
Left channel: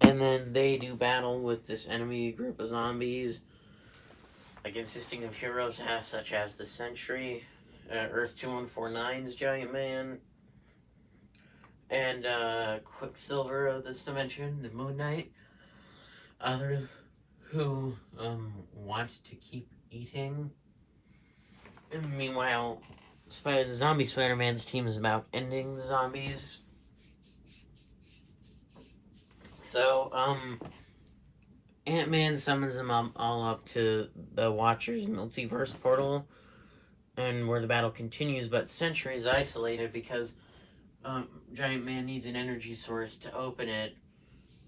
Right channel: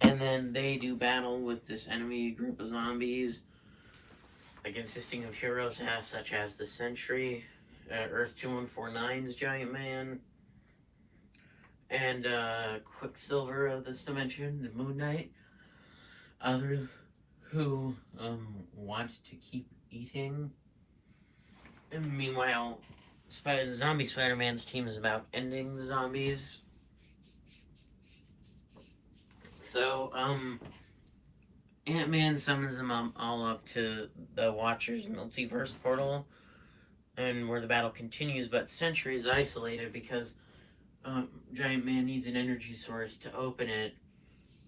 And then they do battle with this enemy group of zombies, consisting of heroes such as the Sentry, Earth 2149's Giant Man, and Quicksilver of this dimension, and Moon Knight. Others who want to keep eating. And meanwhile, Zombie Spider-Man's team is about ending zombies. So, Ant-Man summons them all up to the Watcher's multiverse portal, and where the battle continues, but Sentry is isolated because Giant Man needs an energy source to open it.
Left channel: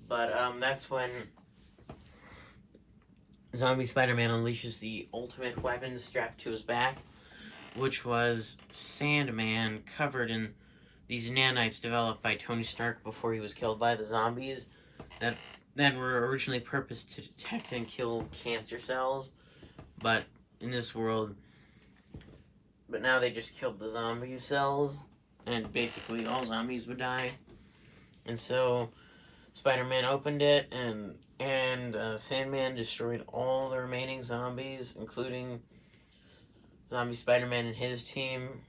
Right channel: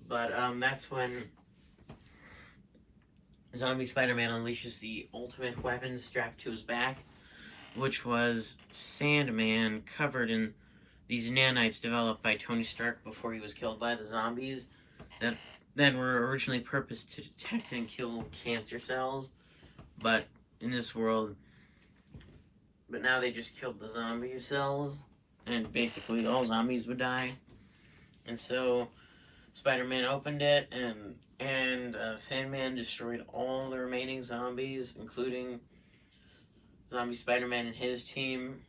But that's when Zombie Spider-Man unleashes the ultimate weapon strapped to his back, which was Sandman covered in these nanites developed by Tony Stark before he was killed by the zombies that then were originally purposed to detect and kill cancer cells, but in this world, but now they just killed the zombie cells, and basically all zombies would die. And so Spider-Man opened it, and Sandman destroyed all the remaining zombies, including Zombie Spider-Man and his team,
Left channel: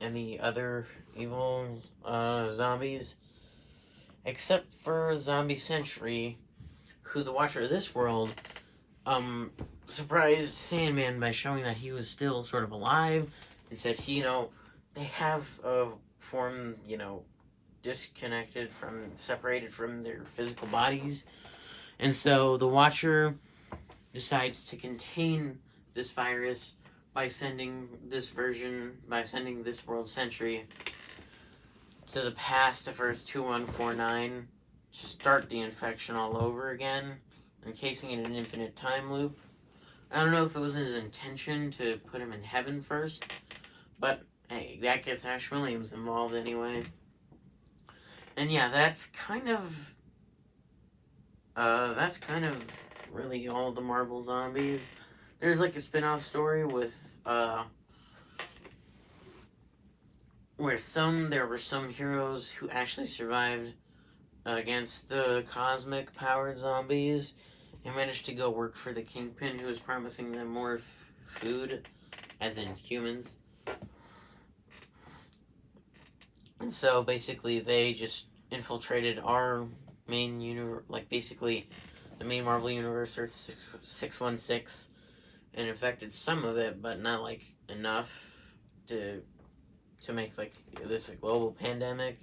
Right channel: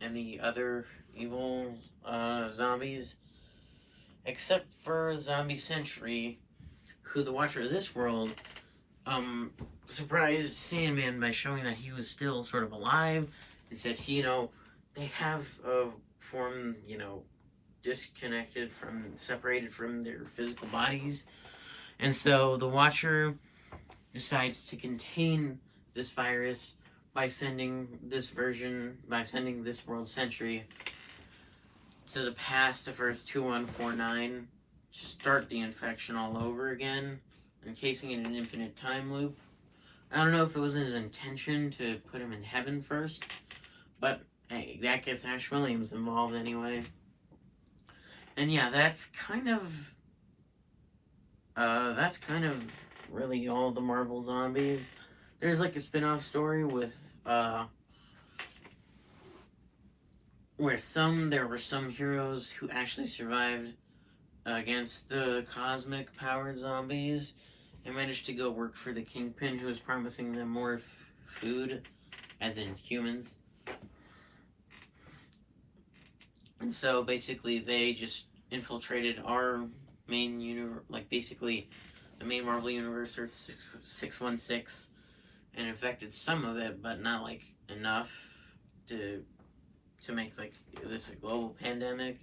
and the other evil zombies, except for Zombie Sentry, who, the Watcher of this world, surprised Sandman by showing that he was still sort of alive, and said, they have formed, separated from their physical bodies. And so the Watcher decides to contain this virus by sending this world Sentry to the past of Earth 2149 to start the infection all over again, encasing it in an infinite time loop. I don't know if it was his intention to put him in heaven first, but hey, that gets Ash Williams involved anyway. And yeah, that's kind of really all the Marvel zombies. There's a spin-off story with where there were some heroes who actually survived against the cosmic powered zombies and managed to go work for the Kingpin, who was promising them more food, as in humans. And so basically they just infiltrated our main universe, like basically the main Marvel Universe, Earth 616, and infected some of it, but not like enough to make like this a global pandemic.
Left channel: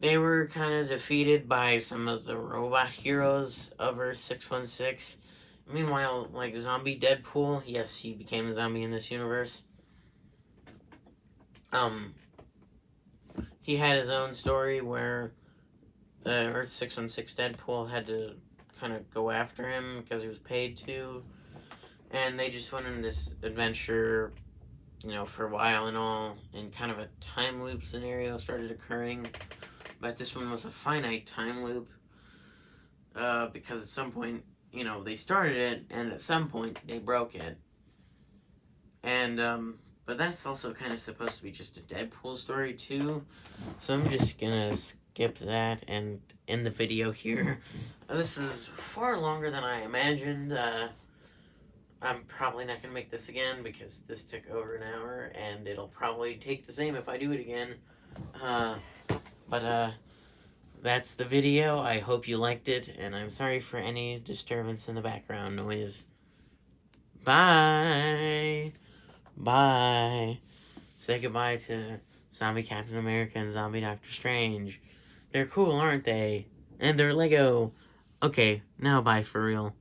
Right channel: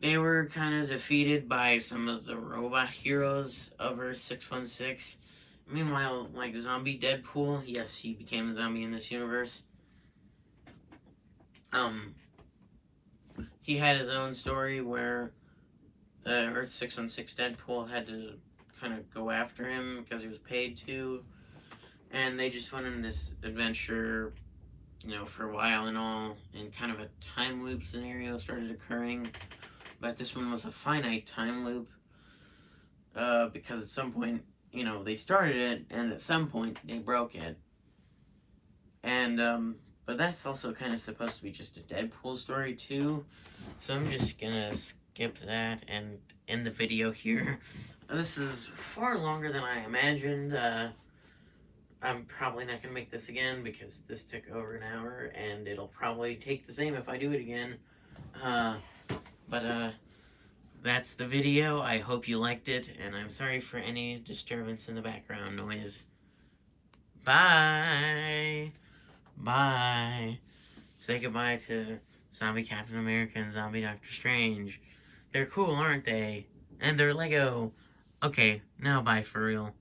They were kind of defeated by some of the robot heroes of Earth 616. Meanwhile, like zombie Deadpool, yes, he became a zombie in this universe. He had his own story where the Earth 616 Deadpool had to kind of go after him because he was paid to, and they just went on this adventure, you know, for a while and all, and kind of a time loop scenario started occurring, but this one was a finite time loop, because at some point, you know, they started it, and at some point they broke it, and but that's also kind of supposed to be just a Deadpool story too, so I'm just gonna skip that and end the video here. This is far longer than I imagined. I'm probably not gonna make this again because this took over an hour, and it'll probably take the same if I do it again. But that's the video. I hope you liked it, and I'm sorry for any disturbance in the background noise. Bye. Bye. Say goodbye to Zombie Captain America and Zombie Doctor Strange. They're cool, aren't they? And they're Lego. Okay, now bye for real.